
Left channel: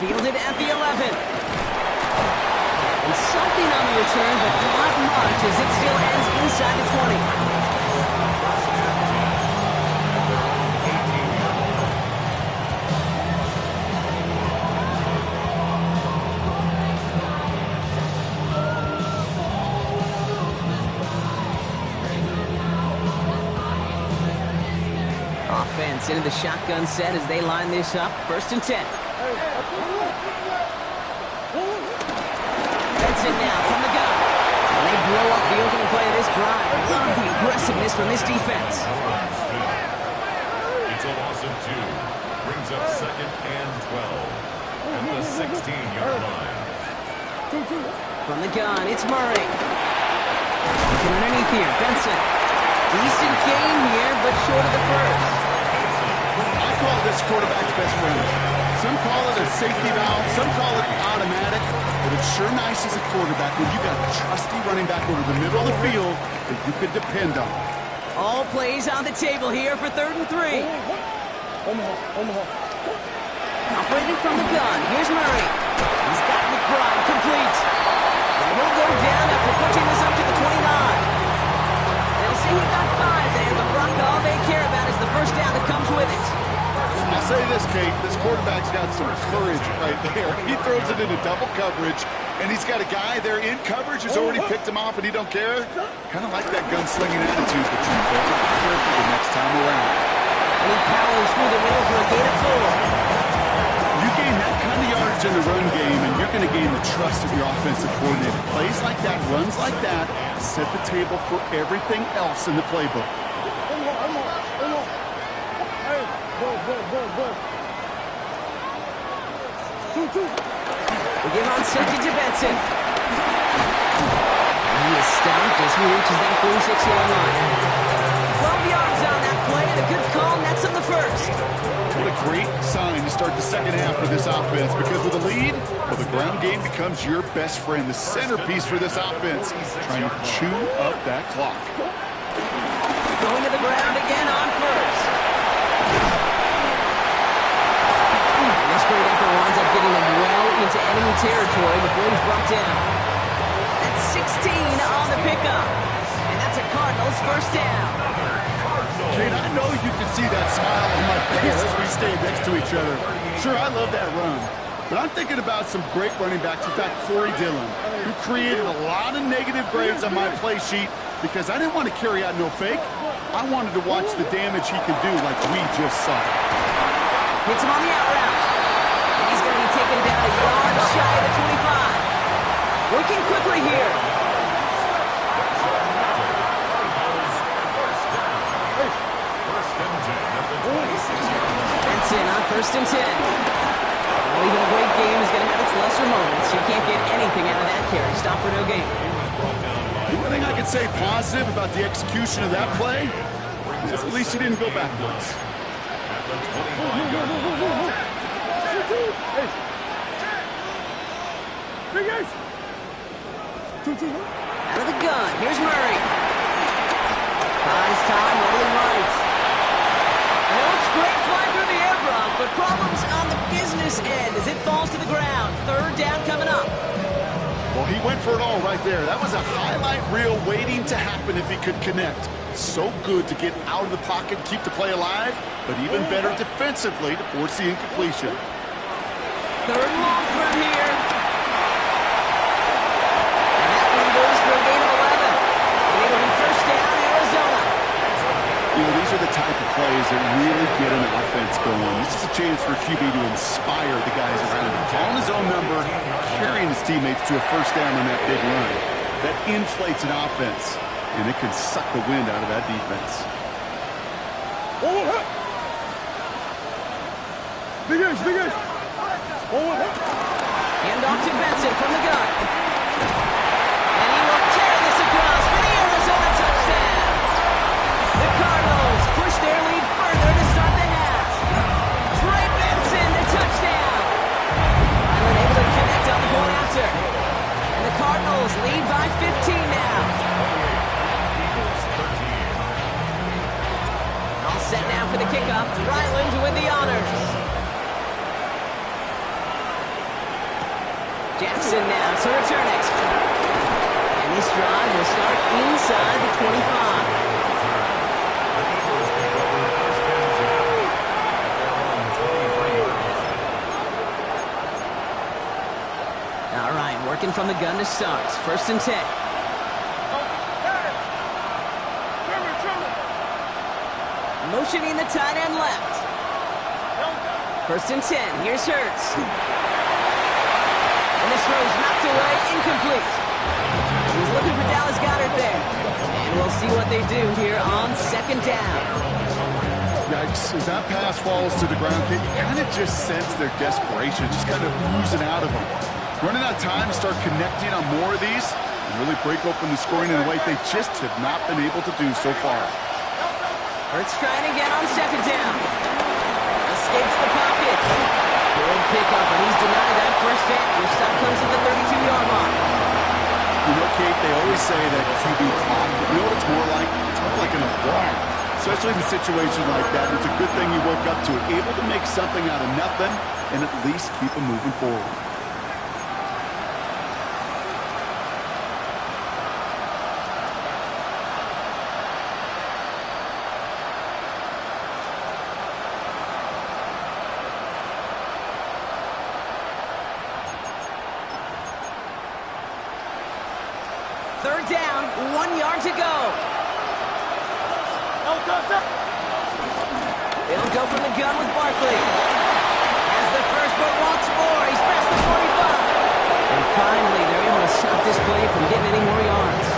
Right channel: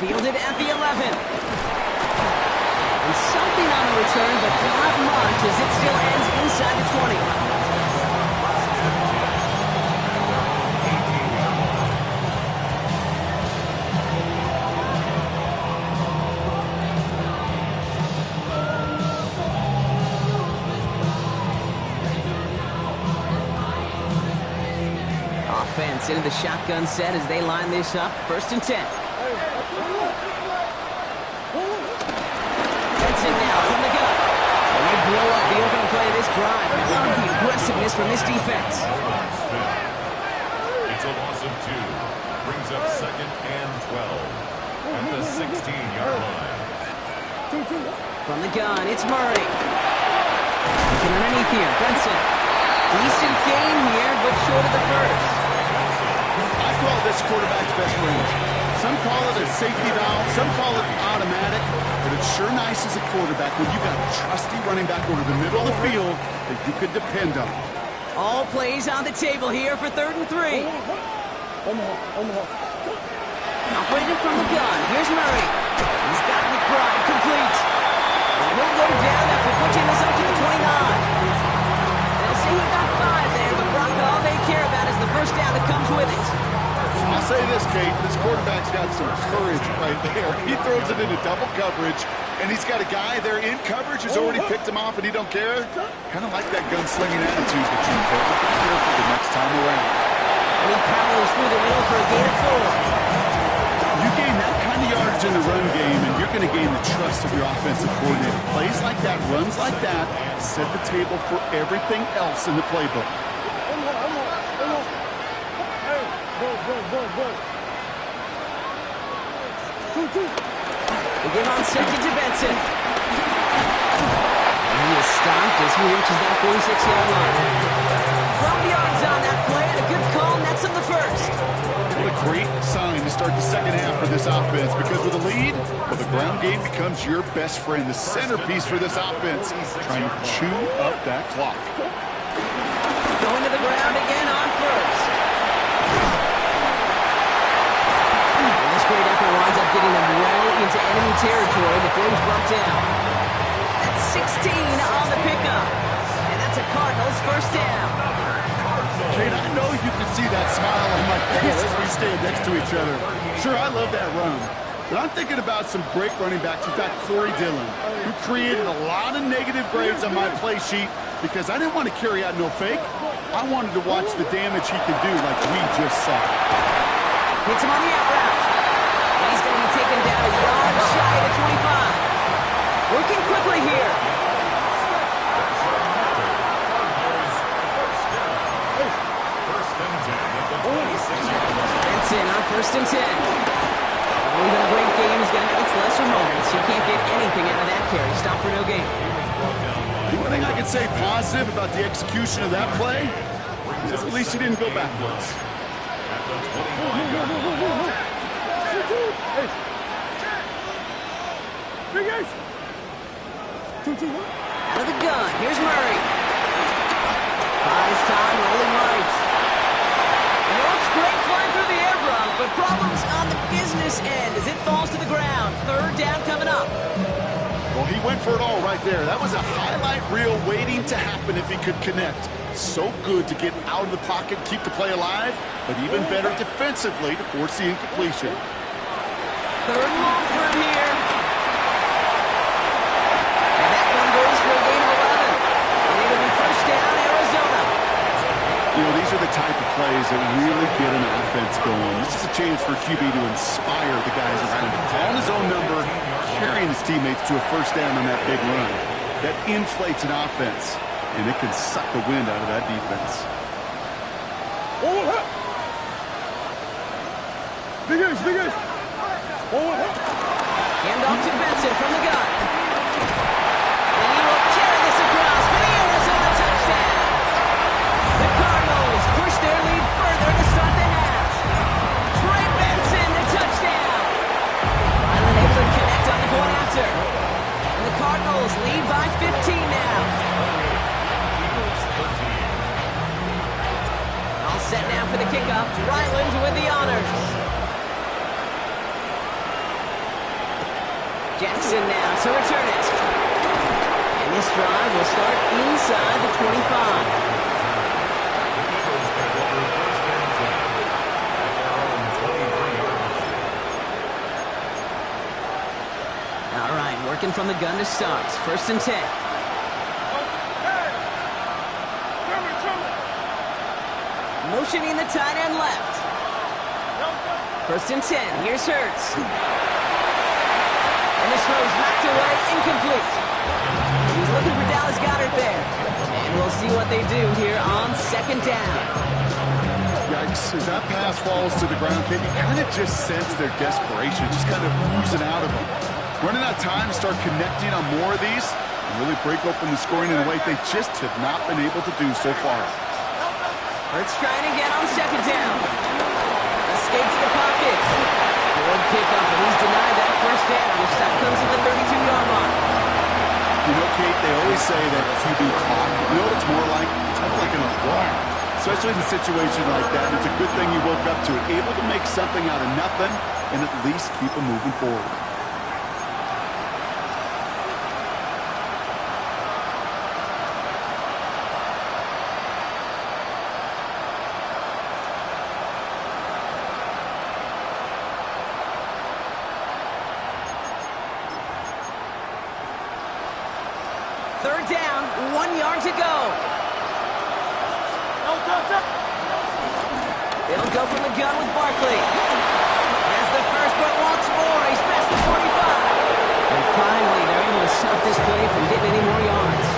Fielded at the 11. And something on the return, but not much as it still ends inside the 20. Offense into the shotgun set as they line this up. 1st and 10. Benson now from the gun. And they blow up the opening play of this drive. I love the aggressiveness from this defense. It's a loss of 2. Brings up 2nd and 12 at the 16-yard line. From the gun, it's Murray. Looking underneath here, Benson. Decent gain here, but short of the first. I call this quarterback's best friend. Some call it a safety valve, some call it automatic, but it's sure nice as a quarterback when you got a trusty running back over the middle of the field that you can depend on. All plays on the table here for 3rd and 3. Operating from the gun, here's Murray. He's got McBride complete. And he'll go down after pushing this up to the 29. They'll say he got 5 there, but Brock, all they care about is the first down that comes with it. I'll say this, Kate, this quarterback's got some courage right there. He throws it into double coverage, and he's got a guy there in coverage who's already picked him off, and he don't care. Kind of like that gunslinging attitude, but you better be careful the next time around. And he powers through the middle for a gain of 4. You gain that kind of yardage in the run game, and you're going to gain the trust of your offensive coordinator. Plays like that, runs like that, set the table for everything else in the playbook. We give on second to Benson. And he is stopped as he reaches that 46-yard line. 12 yards on that play, and a good call, and that's minutes of the first. What a great sign to start the second half for this offense, because with a lead, well, the ground game becomes your best friend, the centerpiece for this offense, trying to chew up that clock. Going to the ground again on first. And this great effort winds up getting them well into enemy territory before he's brought down. That's 16 on the pickup. And that's a Cardinals first down. Kate, I know you can see that smile on my face as we stand next to each other. Sure, I love that run. But I'm thinking about some great running backs. In fact, Corey Dillon, who created a lot of negative grades on my play sheet because I didn't want to carry out no fake. I wanted to watch the damage he could do like we just saw. Hits him on the out route. And he's going to be taken down a yard shy of the 25. Working quickly here. Benson on 1st and 10. Well, even a great game is going to have its lesser moments. You can't get anything out of that carry. Stop for no gain. The only thing I can say positive about the execution of that play is at least he didn't go backwards. Out of the gun. Here's Murray. Buys time, rolling right. And it looks great flying through the air, Bronk, but problems on the business end as it falls to the ground. 3rd down coming up. Well, he went for it all right there. That was a highlight reel waiting to happen if he could connect. So good to get out of the pocket, keep the play alive, but even better defensively to force the incompletion. 3rd and long for him here. And that one goes for a gain of 11. And it'll be 1st down, Arizona. You know, these are the type of plays that really get an offense going. This is a chance for QB to inspire the guys around him. Calling his own number, carrying his teammates to a 1st down on that big run. That inflates an offense, and it can suck the wind out of that defense. Hand off to Benson from the gun. And he will carry this across for the Arizona touchdown. The Cardinals push their lead further to start the half. Trey Benson, the touchdown. Ryland able to connect on the point after. And the Cardinals lead by 15 now. All set now for the kickoff. Ryland with the honors. Jackson now to return it. And this drive will start inside the 25. All right, working from the gun to start. 1st and 10. Motioning the tight end left. 1st and 10. Here's Hurts. And this throw's knocked away, incomplete. He was looking for Dallas Goedert there. And we'll see what they do here on 2nd down. Yikes, as that pass falls to the ground, Kate, you kind of just sense their desperation, just kind of oozing out of them. Running out of time to start connecting on more of these and really break open the scoring in a way they just have not been able to do so far. Hurts trying again on 2nd down. Escapes the pocket. Good pickup, and he's denied that 1st down. The stop comes at the 32-yard mark. You know, Kate, they always say that QB clock, you know what it's more like? It's more like an alarm. Especially in a situation like that, and it's a good thing you woke up to it. Able to make something out of nothing and at least keep them moving forward. Third down, 1 yard to go. They'll go from the gun with Barkley. Has the first, but wants more. He's past the 45. And finally, they're able to stop this play from getting any more yards.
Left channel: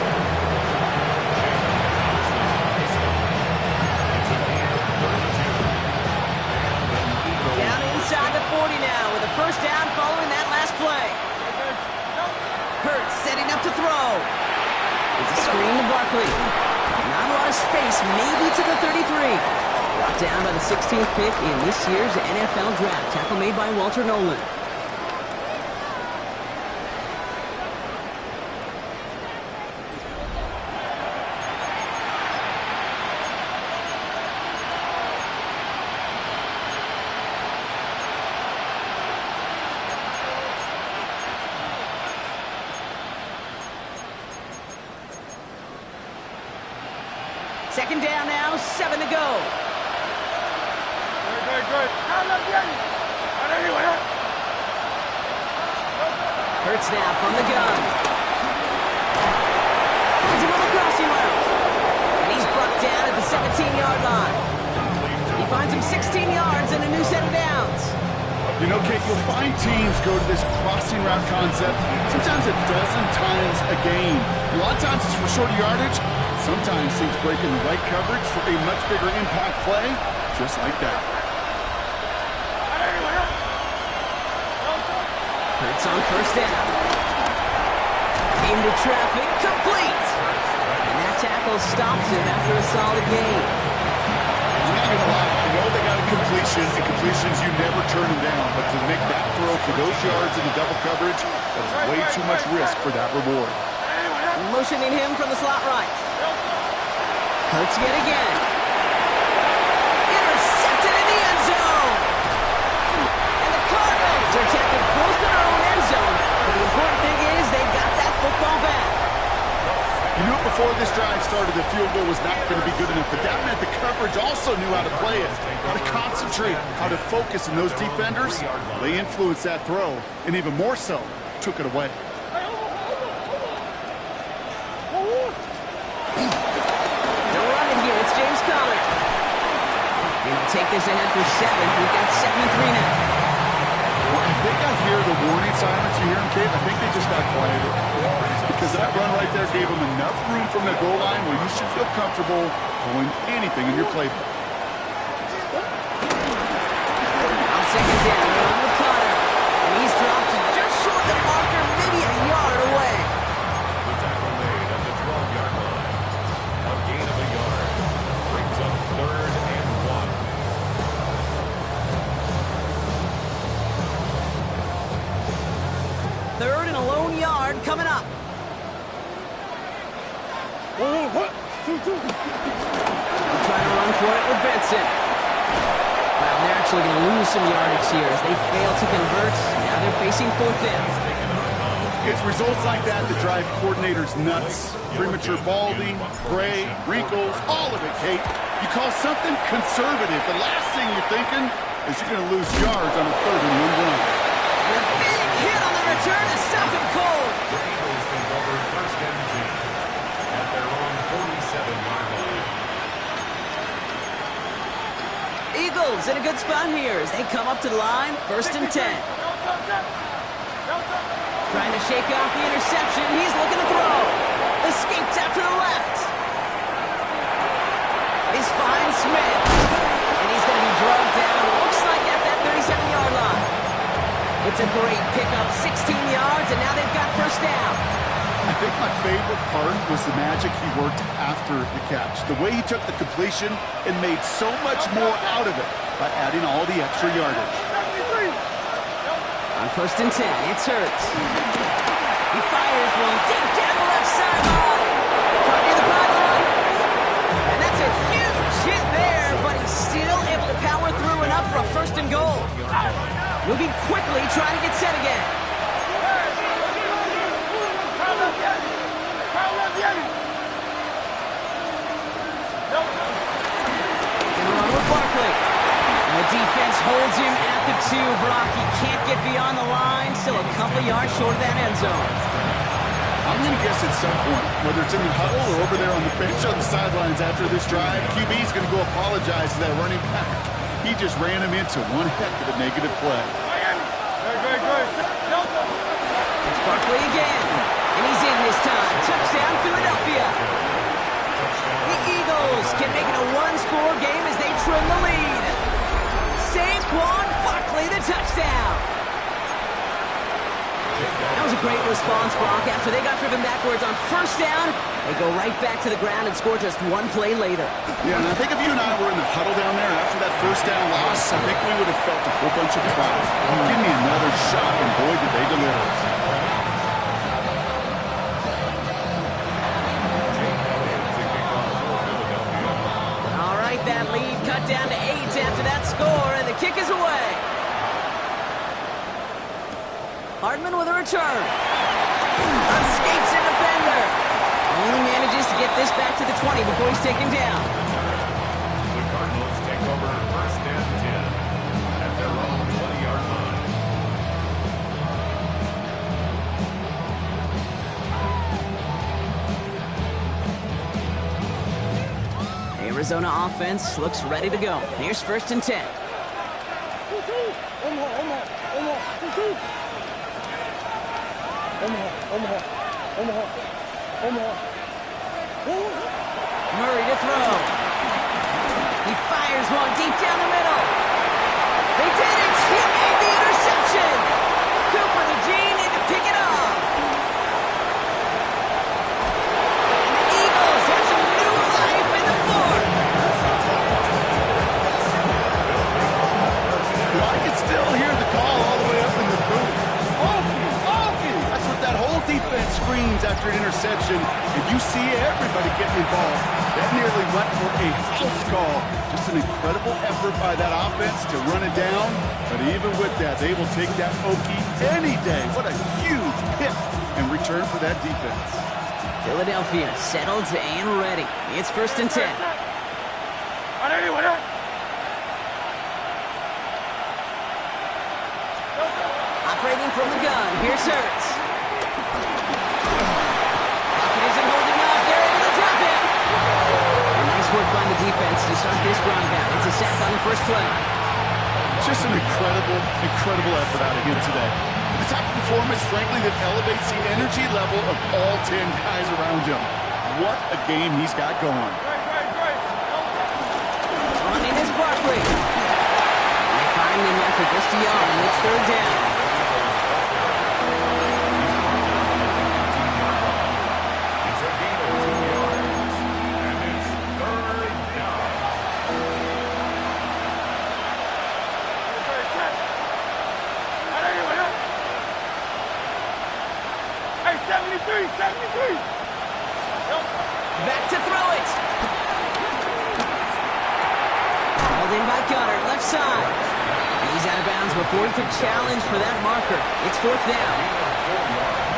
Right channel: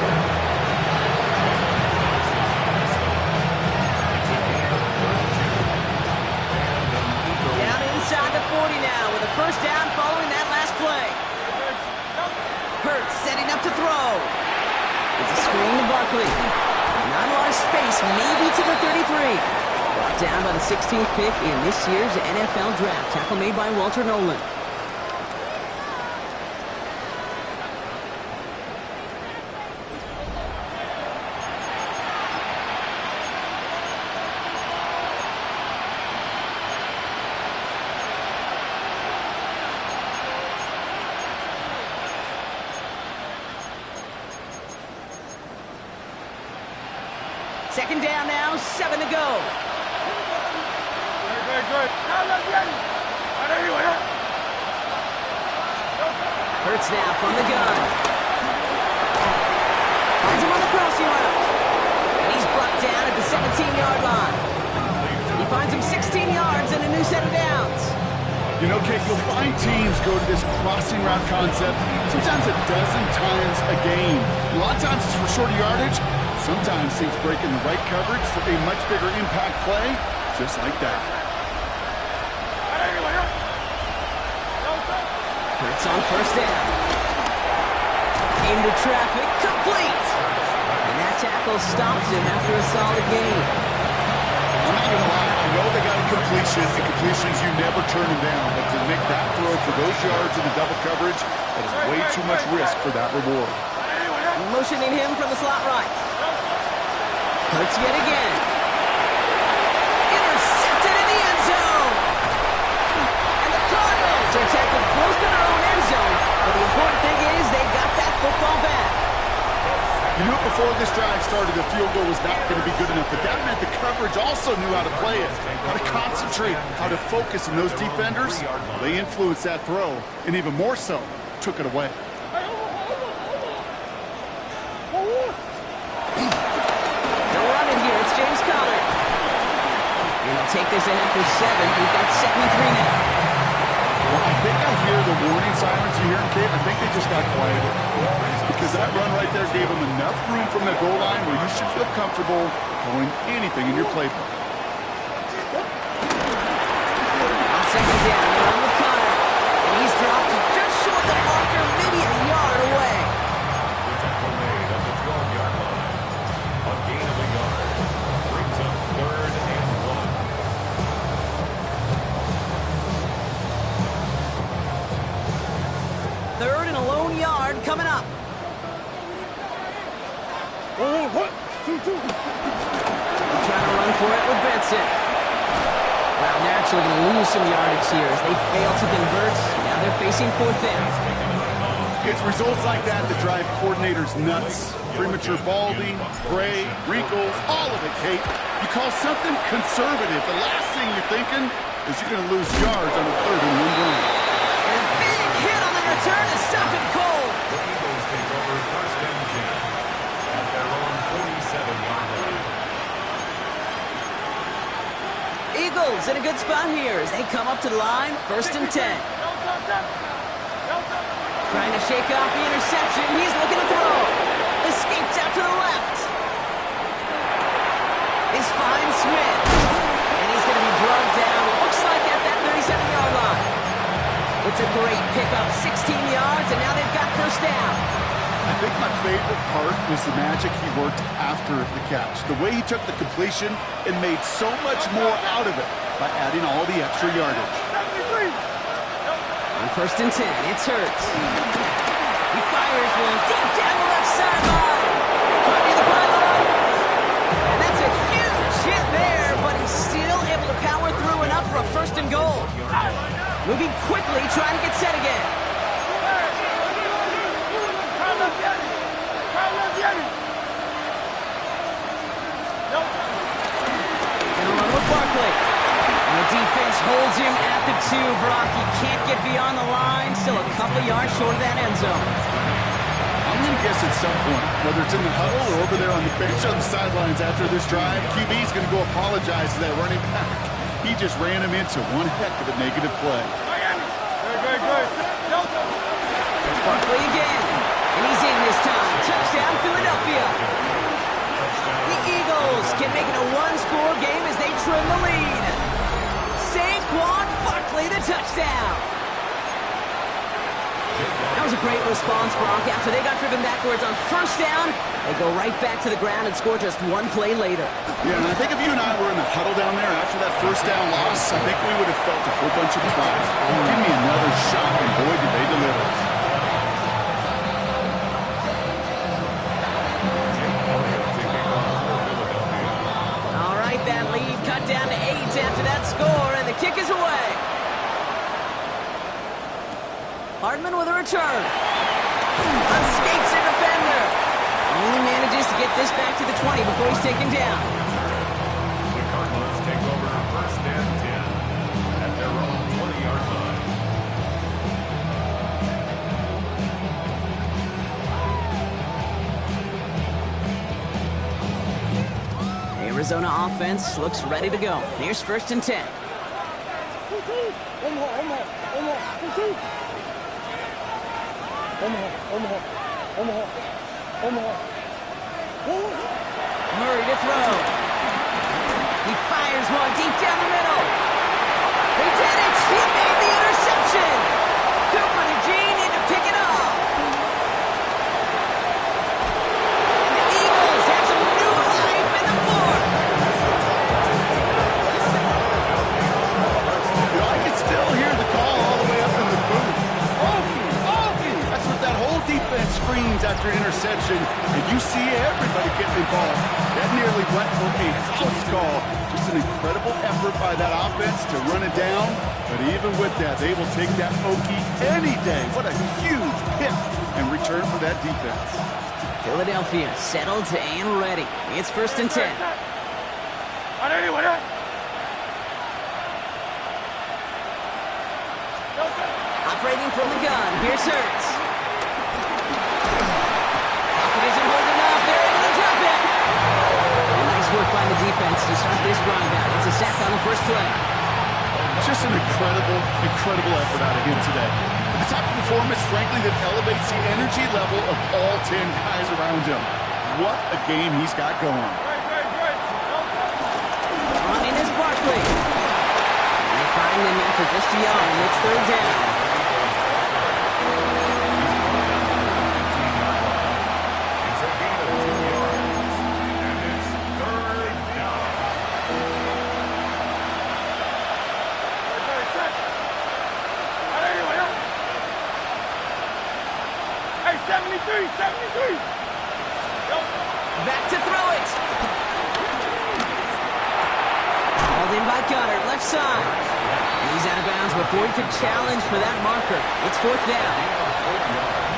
Down inside the 40 now with a 1st down following that last play. Hurts setting up to throw. It's a screen to Barkley. Not a lot of space, maybe to the 33. Brought down by the 16th pick in this year's NFL Draft. Tackle made by Walter Nolan. Second down now, 7 to go. Good. Hurts now from the gun. Finds him on the crossing route. And he's brought down at the 17-yard line. He finds him 16 yards and a new set of downs. You know, Kate, you'll find teams go to this crossing route concept sometimes a dozen times a game. A lot of times it's for shorter yardage. Sometimes things break in the right coverage for a much bigger impact play, just like that. Hurts on first down. Into traffic, complete. And that tackle stops him after a solid gain. I'm not going to lie, I know they got a completion, and completions you never turn them down, but to make that throw for those yards in the double coverage, that is way too much risk for that reward. Motioning him from the slot right. Hurts yet again. Intercepted in the end zone. And the Cardinals are tackled close to their own end zone. But the important thing is they got that football back. You knew it before this drive started, the field goal was not going to be good enough, but that meant the coverage also knew how to play it, how to concentrate, how to focus, and those defenders, they influenced that throw, and even more so, took it away. They'll run it here. It's James Conner. And he'll take this ahead for 7. We've got 2nd and 3 now. Well, I think I hear the warning sirens. You hear them, Kate? I think they just got quieted. Because that run right there gave them enough room from the goal line where you should feel comfortable calling anything in your playbook. On second down, run with Conner. And he's dropped just short of the marker, maybe a yard away. The tackle made at the 12-yard line. A gain of a yard. Brings up 3rd and 1. 3rd and a lone yard coming up. 1, 2, 2. Trying to run for it with Benson. Wow, they're actually going to lose some yardage here as they fail to convert. Now they're facing 4th down. It's results like that that drive coordinators nuts. Premature balding, gray, wrinkles, all of it, Kate. You call something conservative. The last thing you're thinking is you're going to lose yards on a 3rd and 1 run. And a big hit on the return to stop him cold. The Eagles take over 1st and 10 at their own 47-yard line. Eagles in a good spot here as they come up to the line. 1st and 10. Trying to shake off the interception. He's looking to throw. Escapes out to the left. He's fine Smith. And he's going to be drugged down. Looks like at that 37-yard line. It's a great pickup. 16 yards, and now they've got 1st down. I think my favorite part was the magic he worked after the catch. The way he took the completion and made so much more out of it by adding all the extra yardage. On 1st and 10, it's Hurts. He fires one deep down the left sideline. Caught near the pylon. And that's a huge hit there, but he's still able to power through enough for a 1st and goal. Moving quickly, trying to get set again. Gonna run with Barkley. And the defense holds him at the 2. Brock, he can't get beyond the line. Still a couple yards short of that end zone. I'm going to guess at some point, whether it's in the huddle or over there on the bench on the sidelines after this drive, QB's going to go apologize to that running back. He just ran him into one heck of a negative play. Good. It's Barkley again. And he's in this time. Touchdown, Philadelphia. The Eagles can make it a 1-score game as they trim the lead. Saquon Barkley, the touchdown. That was a great response, Brock. After they got driven backwards on first down, they go right back to the ground and score just one play later. Yeah, and I think if you and I were in the huddle down there after that first down loss, I think we would have felt a whole bunch of pride. Give me another shot, and boy, did they deliver. All right, that lead cut down to 8 after that score, and the kick is away. Hardman with a return. Escapes a defender. Only manages to get this back to the 20 before he's taken down. The Cardinals take over first and 10 at their own 20-yard line. Arizona offense looks ready to go. Here's first and 10. Murray to throw. He fires one deep down the middle. They did it! He made the interception! Cooper to Gene in to pick it off. And the Eagles have some new life in the fourth. You know, I can still hear the call all the way up in the booth. That's what that whole defense screams after an interception, and you see everybody getting involved. That nearly went for a house call. Just an incredible effort by that offense to run it down, but even with that, they will take that Okie any day. What a huge pick and return for that defense. Philadelphia settled and ready. It's first and 10. Operating from the gun, here's Hurts. Pocket isn't holding up, they're able to drop it. And nice work by the defense to start this drive out. It's a sack on the first play. Just an incredible effort out of him today. The type of performance, frankly, that elevates the energy level of all 10 guys around him. What a game he's got going. Running is Barkley. And they find him after just a yard, and it's third down. Back to throw it. Hauled in by Goddard, left side. And he's out of bounds before he could challenge for that marker. It's fourth down.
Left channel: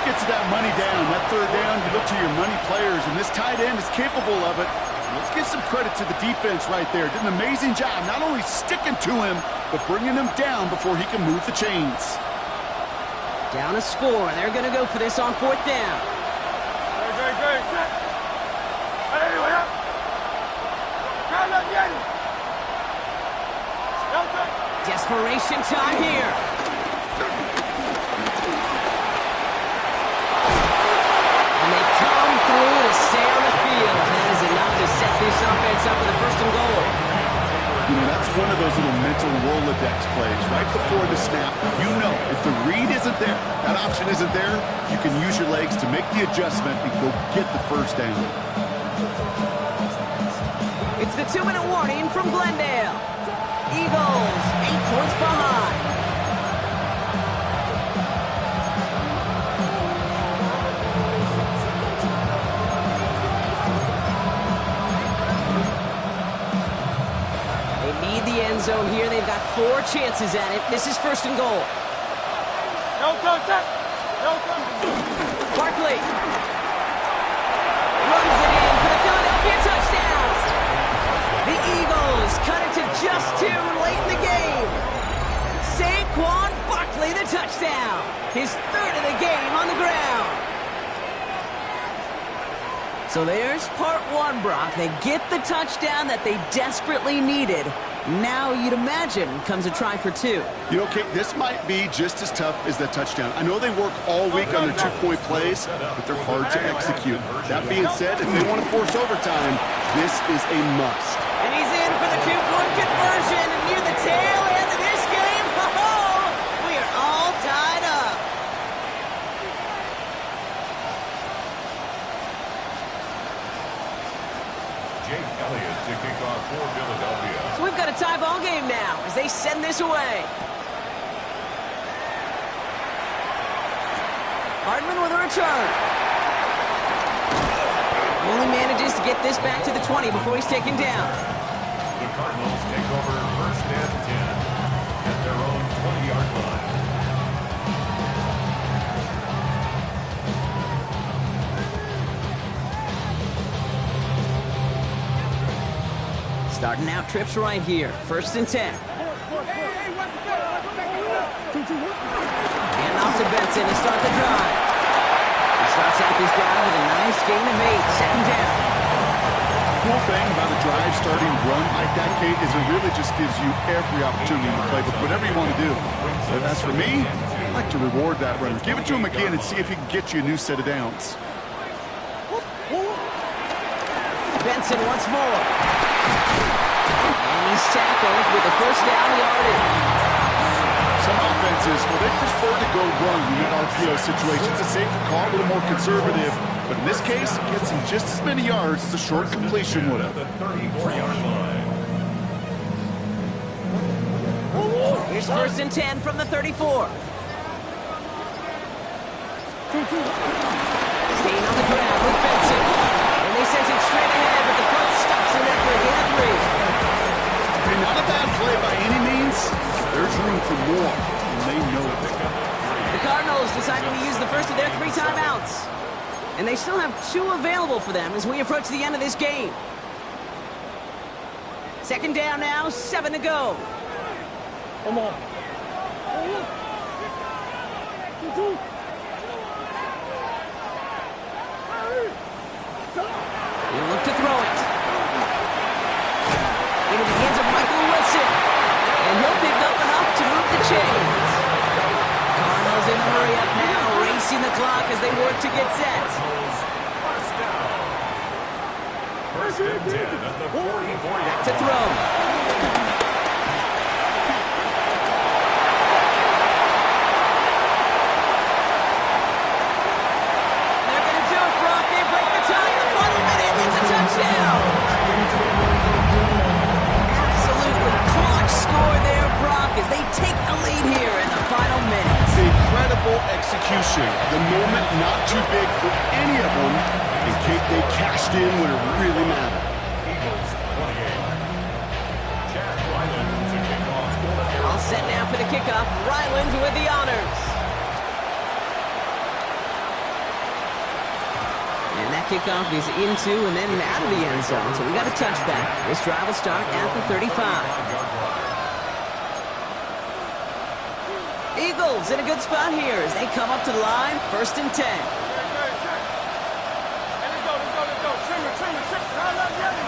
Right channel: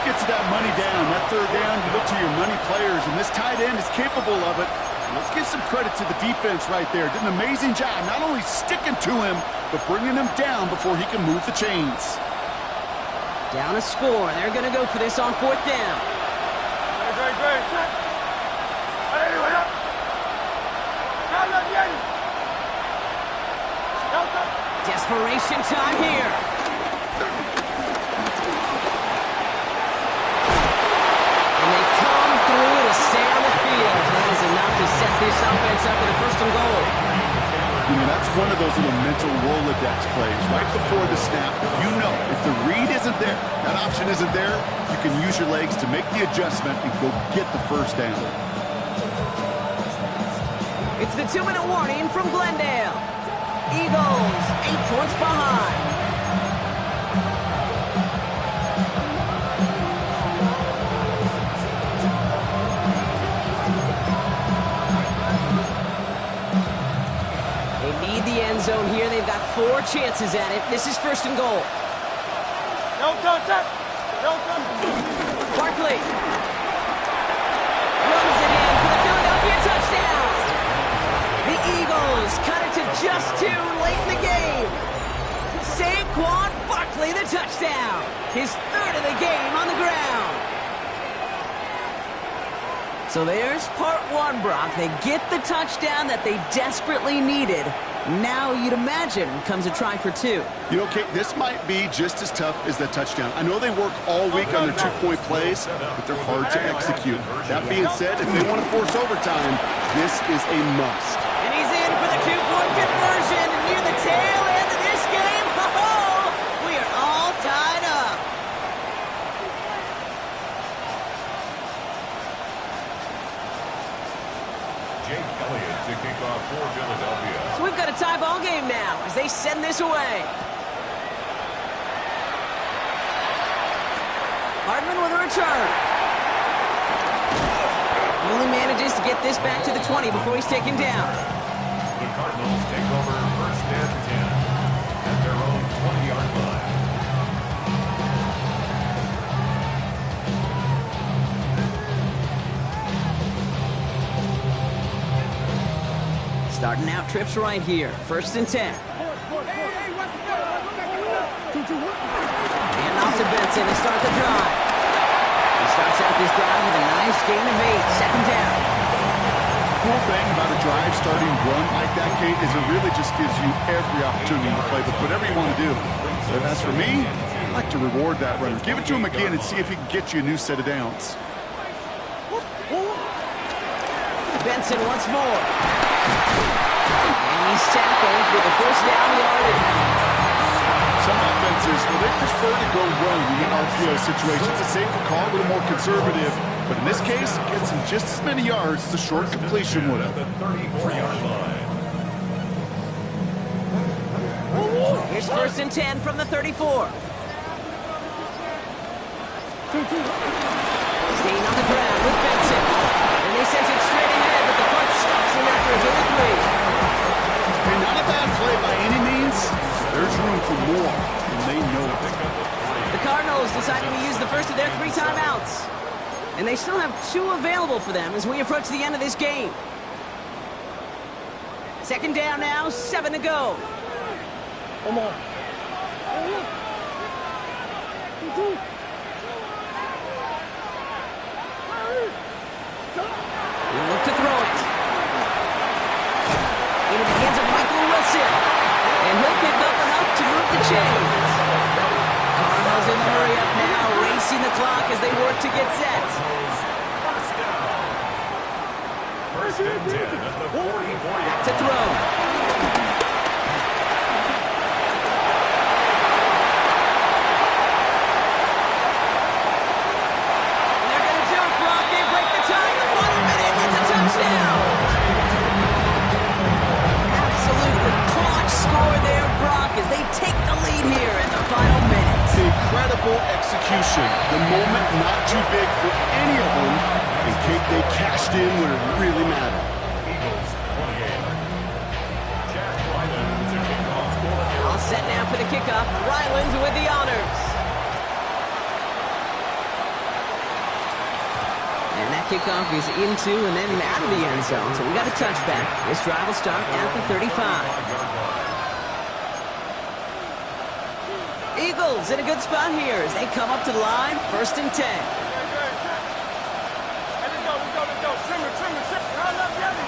Get to that money down, that third down, you look to your money players, and this tight end is capable of it. Let's give some credit to the defense right there. Did an amazing job, not only sticking to him, but bringing him down before he can move the chains. Down a score. They're going to go for this on fourth down. Desperation time here. And they come through to stay on the field. That is enough to set this offense up with a first and goal. You know, that's one of those little mental Rolodex plays. Right before the snap, you know, if the read isn't there, that option isn't there, you can use your legs to make the adjustment and go get the first down. It's the 2-minute warning from Glendale. Eagles, 8 points behind. They need the end zone here. They've got 4 chances at it. This is first and goal. Barkley runs it in for the Philadelphia touchdown. The Eagles cut it to just 2 late in the game. Saquon Barkley, the touchdown. His third of the game on the ground. So there's part 1, Brock. They get the touchdown that they desperately needed. Now, you'd imagine, comes a try for 2. You know, Kate, this might be just as tough as that touchdown. I know they work all week on their 2-point plays, but they're hard to execute. That being said, if they want to force overtime, this is a must. And he's in for the 2-point conversion. And near the tail end of this game, we are all tied up. to kick off for Philadelphia. So we've got a tie ball game now as they send this away. Hardman with a return. Only manages to get this back to the 20 before he's taken down. The Cardinals take over first and 10 at their own 20-yard line. Starting out trips right here. First and 10. And off to Benson to start the drive. He starts out this drive with a nice gain of 8. Second down. Cool thing about a drive starting run like that, Kate, is it really just gives you every opportunity to play, but whatever you want to do. But as for me, I like to reward that runner. Give it to him again and see if he can get you a new set of downs. Benson once more. And he's tackled with a first down yardage. Some offenses, well, they prefer to go run in that RPO situation. It's a safer call, a little more conservative. But in this case, it gets him just as many yards as a short completion would have. The 34-yard line. Here's first and 10 from the 34. Staying on the ground with Benson. And they send it straight ahead, but the front stops him after a gain of 3. Hey, not a bad play by any means. There's room for more, and they know it. The Cardinals deciding to use the first of their 3 timeouts. And they still have 2 available for them as we approach the end of this game. Second down now, 7 to go. Come on. He'll look to throw it. Into the hands of Michael Wilson. And he'll pick up enough to move the chains. Cardinals in the hurry up now, racing the clock as they work to get set. First down. First and 10 at the 44-yard Back to throw. And they're going to do it, Brock. They break the tie in the final minute. It's a touchdown. Absolutely clutch score there, Brock, as they take the lead here in the final minute. Incredible execution. The moment not too big for any of them. And Kate, they cashed in when it really mattered. Eagles 28. Jack Ryland to kick off for All set now for the kickoff. Ryland with the honors. And that kickoff is into and then out of the end zone. So we got a touchback. This drive will start at the 35. Eagles in a good spot here as they come up to the line. First and 10. Hey, let's go. Trimmer. Crowd up, Yeti.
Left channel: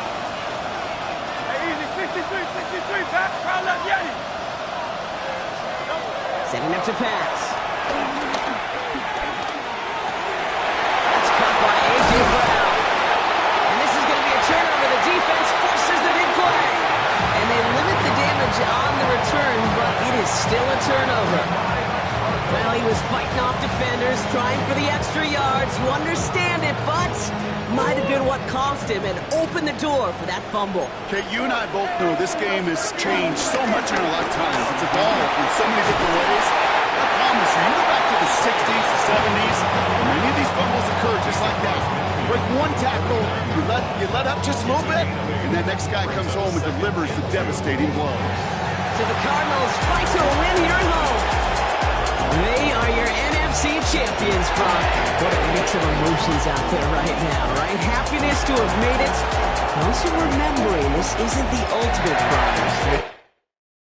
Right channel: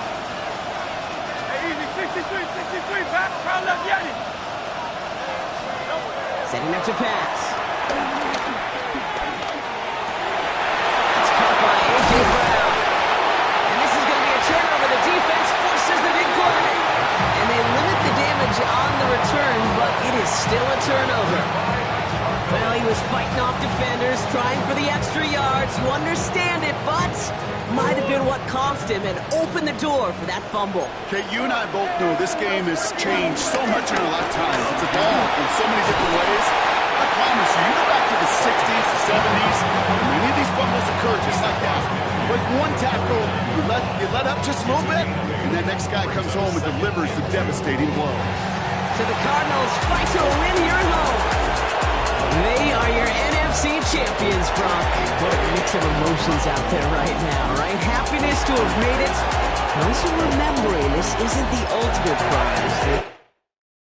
Hey, easy. 63, back. Crowd up, Yeti. Setting up to pass. That's caught by A.J. Brown. And this is going to be a turnover. The defense forces the big play. And they limit the damage on the return, but it is still a turnover. Well, he was fighting off defenders, trying for the extra yards. You understand it, but might have been what cost him and opened the door for that fumble. Okay, you and I both know this game has changed so much in our lifetimes. It's evolved in so many different ways. I promise you, you go back to the 60s, the 70s, and many of these fumbles occur just like that. You break one tackle, you let up just a little bit, and that next guy comes home and delivers the devastating blow. So the Cardinals fight to a win here at home. They are your NFC champions, Brock. What a mix of emotions out there right now, right? Happiness to have made it, but also remembering this isn't the ultimate prize.